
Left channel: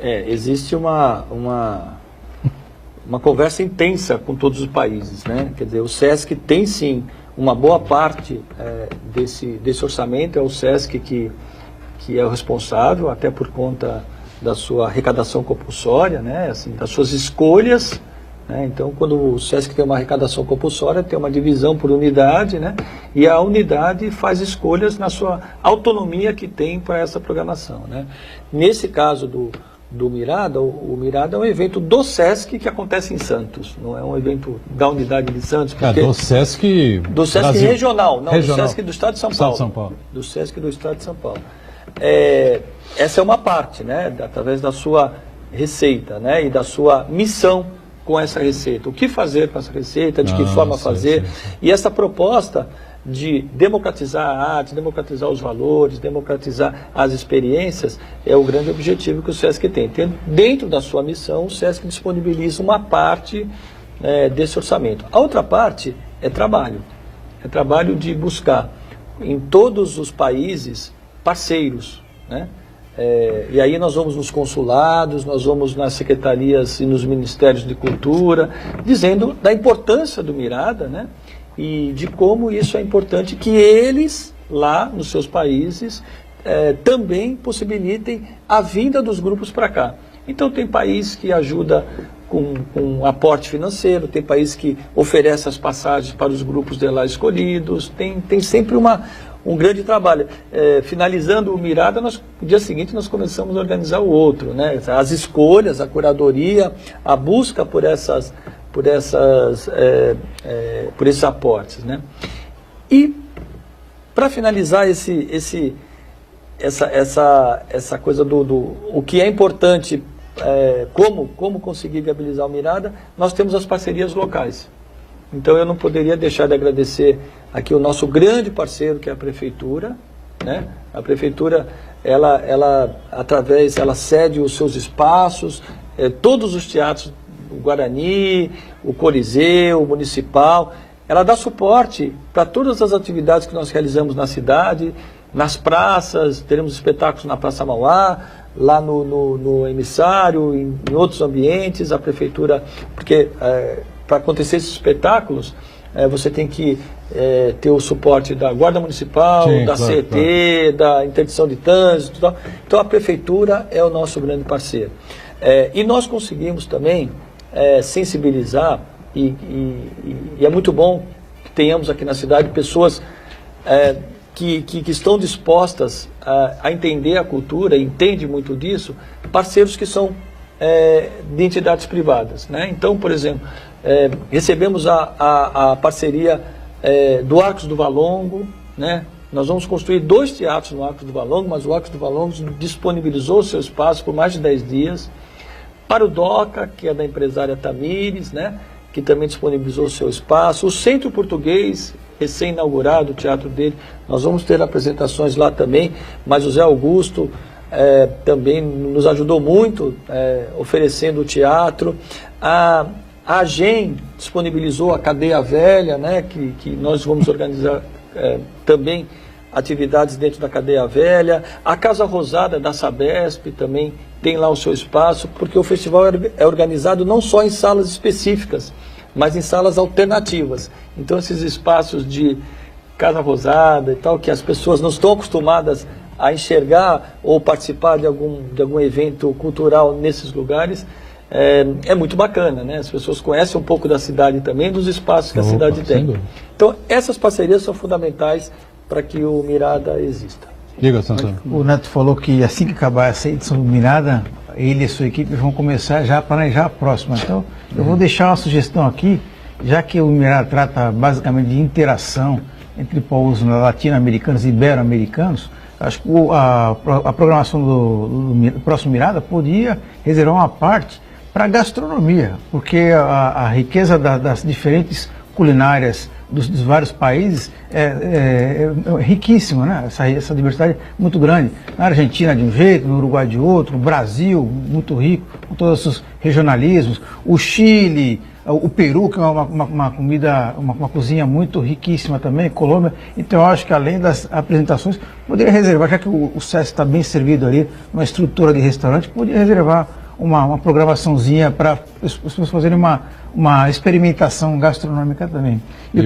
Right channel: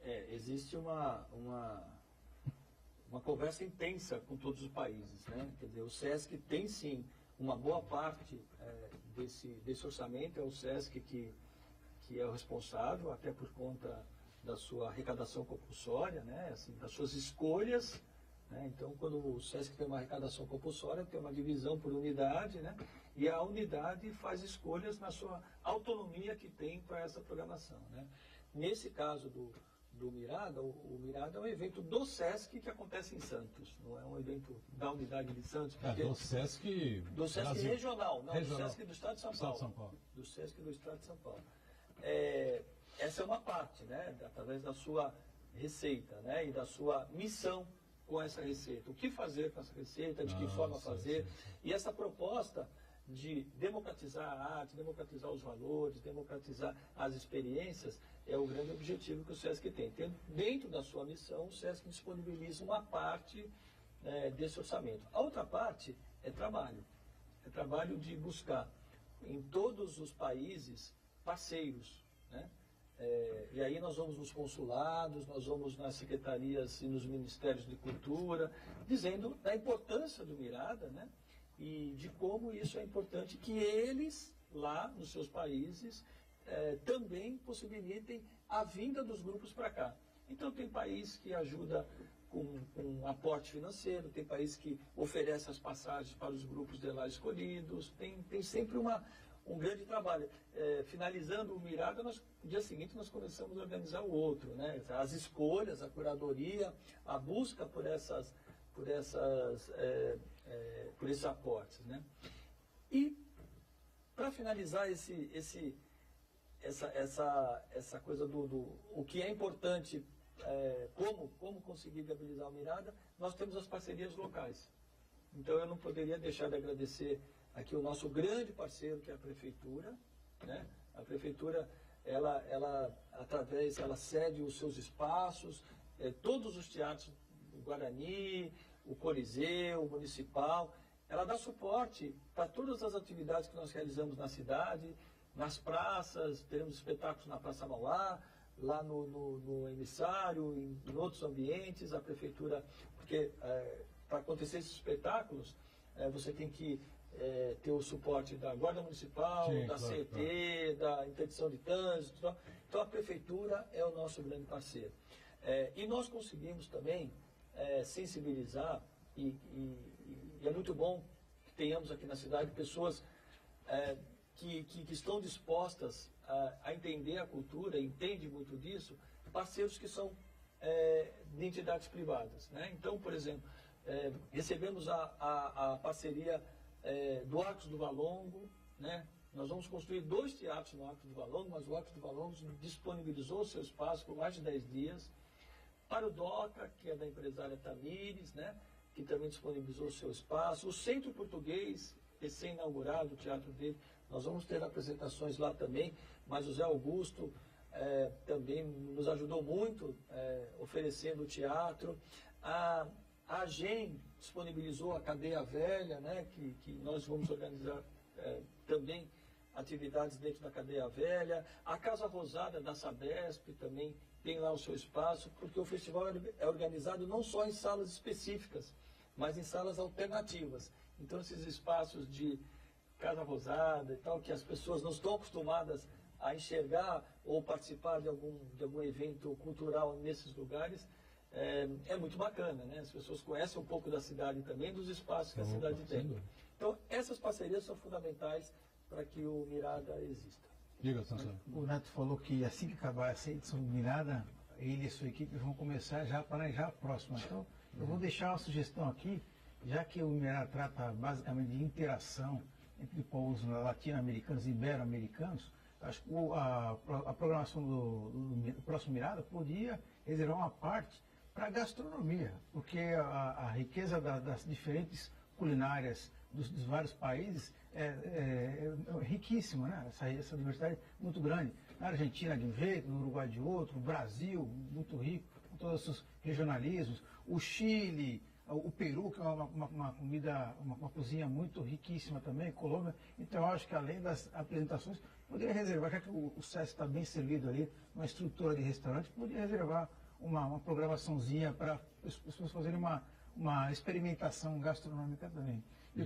Existe uma conversa intensa com todos os países, né? Quer dizer, o SESC tem sim uma boa parte desse orçamento, é o SESC que é o responsável, até por conta da sua arrecadação compulsória, né? Assim, das suas escolhas, né? Então, quando o SESC tem uma arrecadação compulsória, tem uma divisão por unidade, né? E a unidade faz escolhas na sua autonomia que tem para essa programação, né? Nesse caso do Mirada, o Mirada é um evento do SESC que acontece em Santos, não é um evento da unidade de Santos. Do SESC Brasil. Regional, não, regional. Do SESC do Estado de São Paulo. Do SESC do Estado de São Paulo. Essa é uma parte, né, através da sua receita, né, e da sua missão com essa receita. O que fazer com essa receita, de que forma fazer. Sim. E essa proposta de democratizar a arte, democratizar os valores, democratizar as experiências, é o grande objetivo que o SESC tem. Dentro da sua missão, o SESC disponibiliza uma parte desse orçamento. A outra parte é trabalho de buscar em todos os países parceiros, né? E aí nós vamos nos consulados, nós vamos nas secretarias e nos ministérios de cultura, dizendo da importância do Mirada, né? E de como isso é importante que eles, lá nos seus países, também possibilitem a vinda dos grupos para cá. Então tem país que ajuda com aporte financeiro, tem país que oferece as passagens para os grupos de lá escolhidos, tem sempre um grande trabalho. Finalizando o Mirada, no dia seguinte nós começamos a organizar o outro, né? As escolhas, a curadoria, a busca por esses aportes, né? E para finalizar essa coisa do o que é importante, como conseguir viabilizar o Mirada, nós temos as parcerias locais. Então eu não poderia deixar de agradecer aqui o nosso grande parceiro, que é a Prefeitura, né? A Prefeitura, ela cede os seus espaços, todos os teatros, o Guarani, o Coliseu, o Municipal, ela dá suporte para todas as atividades que nós realizamos na cidade, nas praças, teremos espetáculos na Praça Mauá, lá no Emissário, em outros ambientes, a Prefeitura, porque para acontecer esses espetáculos, você tem que ter o suporte da Guarda Municipal, sim, da claro, CET, da interdição de trânsito, tal. Então a Prefeitura é o nosso grande parceiro. E nós conseguimos também sensibilizar, e é muito bom que tenhamos aqui na cidade pessoas que estão dispostas a entender a cultura, entendem muito disso, parceiros que são de entidades privadas, né? Então, por exemplo, recebemos a parceria do Arcos do Valongo, né? Nós vamos construir 2 teatros no Arcos do Valongo, mas o Arcos do Valongo disponibilizou o seu espaço por mais de 10 dias. Para o DOCA, que é da empresária Tamires, né? Que também disponibilizou o seu espaço. O Centro Português, recém-inaugurado, o teatro dele, nós vamos ter apresentações lá também, mas o Zé Augusto também nos ajudou muito, oferecendo o teatro. A AGEM disponibilizou a Cadeia Velha, né? Que nós vamos organizar também atividades dentro da Cadeia Velha. A Casa Rosada da Sabesp também tem lá o seu espaço, porque o festival é organizado não só em salas específicas, mas em salas alternativas. Então, esses espaços de Casa Rosada e tal, que as pessoas não estão acostumadas a enxergar ou participar de algum evento cultural nesses lugares, é muito bacana, né? As pessoas conhecem um pouco da cidade também, dos espaços que a cidade tem. Então, essas parcerias são fundamentais para que o Mirada exista. Diga, Santana. O Neto falou que assim que acabar essa edição do Mirada, ele e a sua equipe vão começar já a planejar a próxima. Então, eu vou deixar uma sugestão aqui, já que o Mirada trata basicamente de interação entre povos latino-americanos e ibero-americanos. Acho que a programação do próximo Mirada podia reservar uma parte para a gastronomia, porque a riqueza das diferentes culinárias dos vários países é riquíssima, né? Essa diversidade é muito grande. Na Argentina de um jeito, no Uruguai de outro, no Brasil, muito rico, com todos os regionalismos. O Chile, o Peru, que é uma comida, uma cozinha muito riquíssima também, Colômbia. Então eu acho que além das apresentações, poderia reservar, já que o SESC está bem servido ali, uma estrutura de restaurante, poderia reservar uma programaçãozinha para as pessoas fazerem uma experimentação gastronômica também. Eu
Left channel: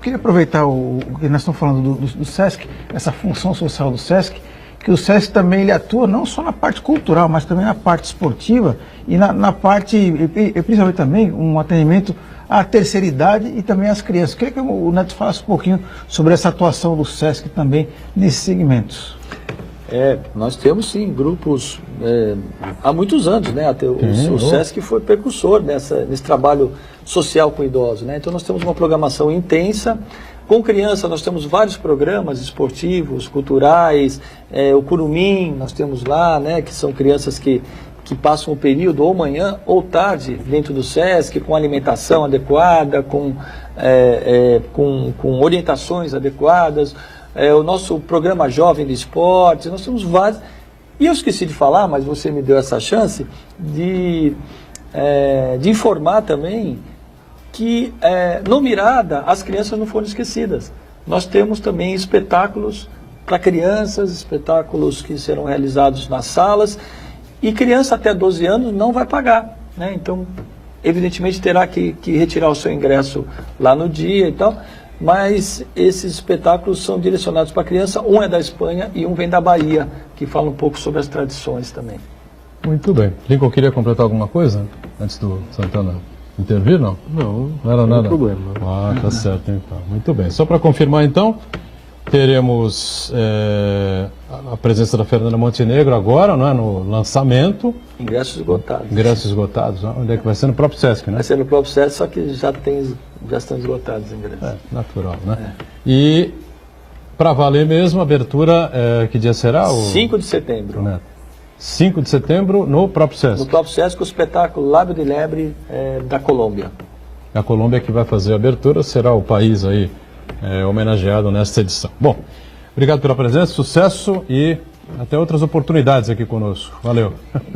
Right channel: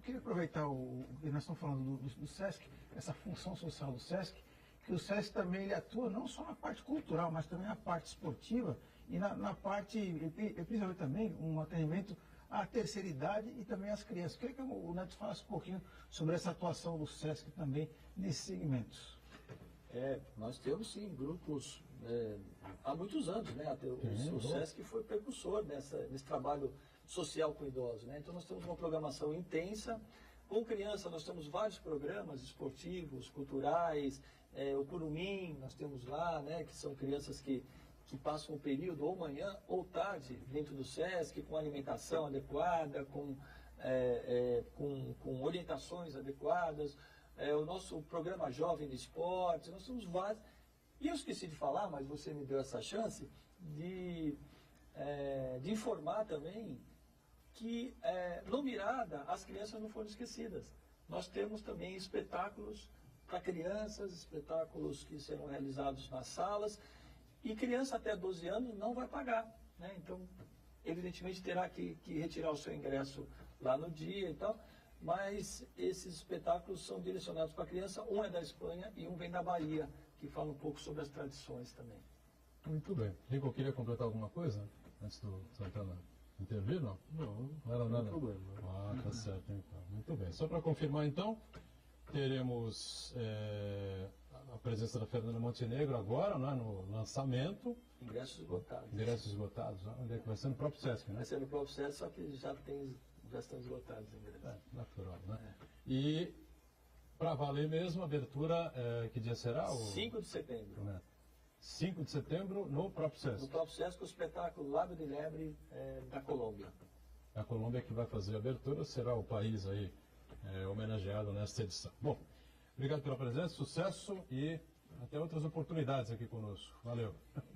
queria aproveitar o que nós estamos falando do SESC, essa função social do SESC, que o SESC também ele atua não só na parte cultural, mas também na parte esportiva e na parte, e principalmente também, um atendimento à terceira idade e também às crianças. Eu queria que o Neto falasse um pouquinho sobre essa atuação do SESC também nesses segmentos. Nós temos sim grupos há muitos anos, né? Até o SESC foi precursor nesse trabalho social com idosos, né? Então nós temos uma programação intensa. Com criança nós temos vários programas esportivos, culturais, o Curumim nós temos lá, né? Que são crianças que passam o período ou manhã ou tarde dentro do SESC, com alimentação adequada, com orientações adequadas. O nosso programa Jovem de Esportes, nós temos vários. E eu esqueci de falar, mas você me deu essa chance de informar também que no Mirada as crianças não foram esquecidas. Nós temos também espetáculos para crianças, espetáculos que serão realizados nas salas, e criança até 12 anos não vai pagar, né? Então, evidentemente terá que retirar o seu ingresso lá no dia e tal. Mas esses espetáculos são direcionados para a criança, um é da Espanha e um vem da Bahia, que fala um pouco sobre as tradições também. Muito bem. Lincoln, queria completar alguma coisa antes do Santana intervir, não? Não era nada. Não tem problema. Ah, tá certo, então. Muito bem. Só para confirmar, então, teremos a presença da Fernanda Montenegro agora, não é? No lançamento. Ingressos esgotados. Ingressos esgotados. Onde é que vai ser? No próprio SESC, né? Vai ser no próprio SESC, só que já estão esgotados os ingressos. Natural, né? E para valer mesmo, a abertura, que dia será? 5 de setembro. Né? 5 de setembro no próprio SESC. No próprio SESC, o espetáculo Lábio de Lebre da Colômbia. A Colômbia que vai fazer a abertura, será o país aí homenageado nesta edição. Bom, obrigado pela presença, sucesso e até outras oportunidades aqui conosco. Valeu.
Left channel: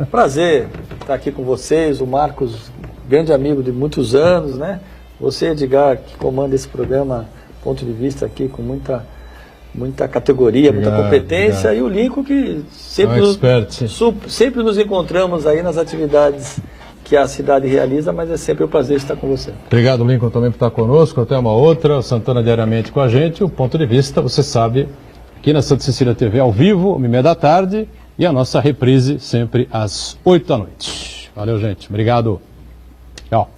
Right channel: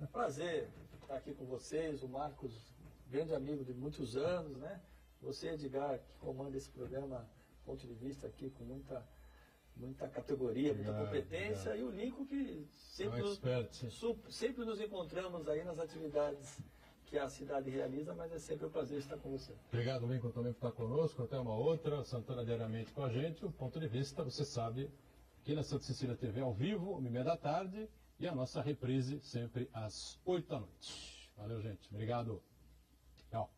Prazer estar aqui com vocês, o Marcos, grande amigo de muitos anos, né? Você, Edgar, que comanda esse programa, ponto de vista aqui com muita categoria, muita competência, e o Lincoln que sempre nos encontramos aí nas atividades que a cidade realiza, mas é sempre um prazer estar com você. Obrigado, Lincoln, também por estar conosco. Até uma outra. Santana diariamente com a gente. O ponto de vista, você sabe, aqui na Santa Cecília TV ao vivo, 1h30 da tarde, e a nossa reprise sempre às 8 da noite. Valeu, gente. Obrigado. Tchau.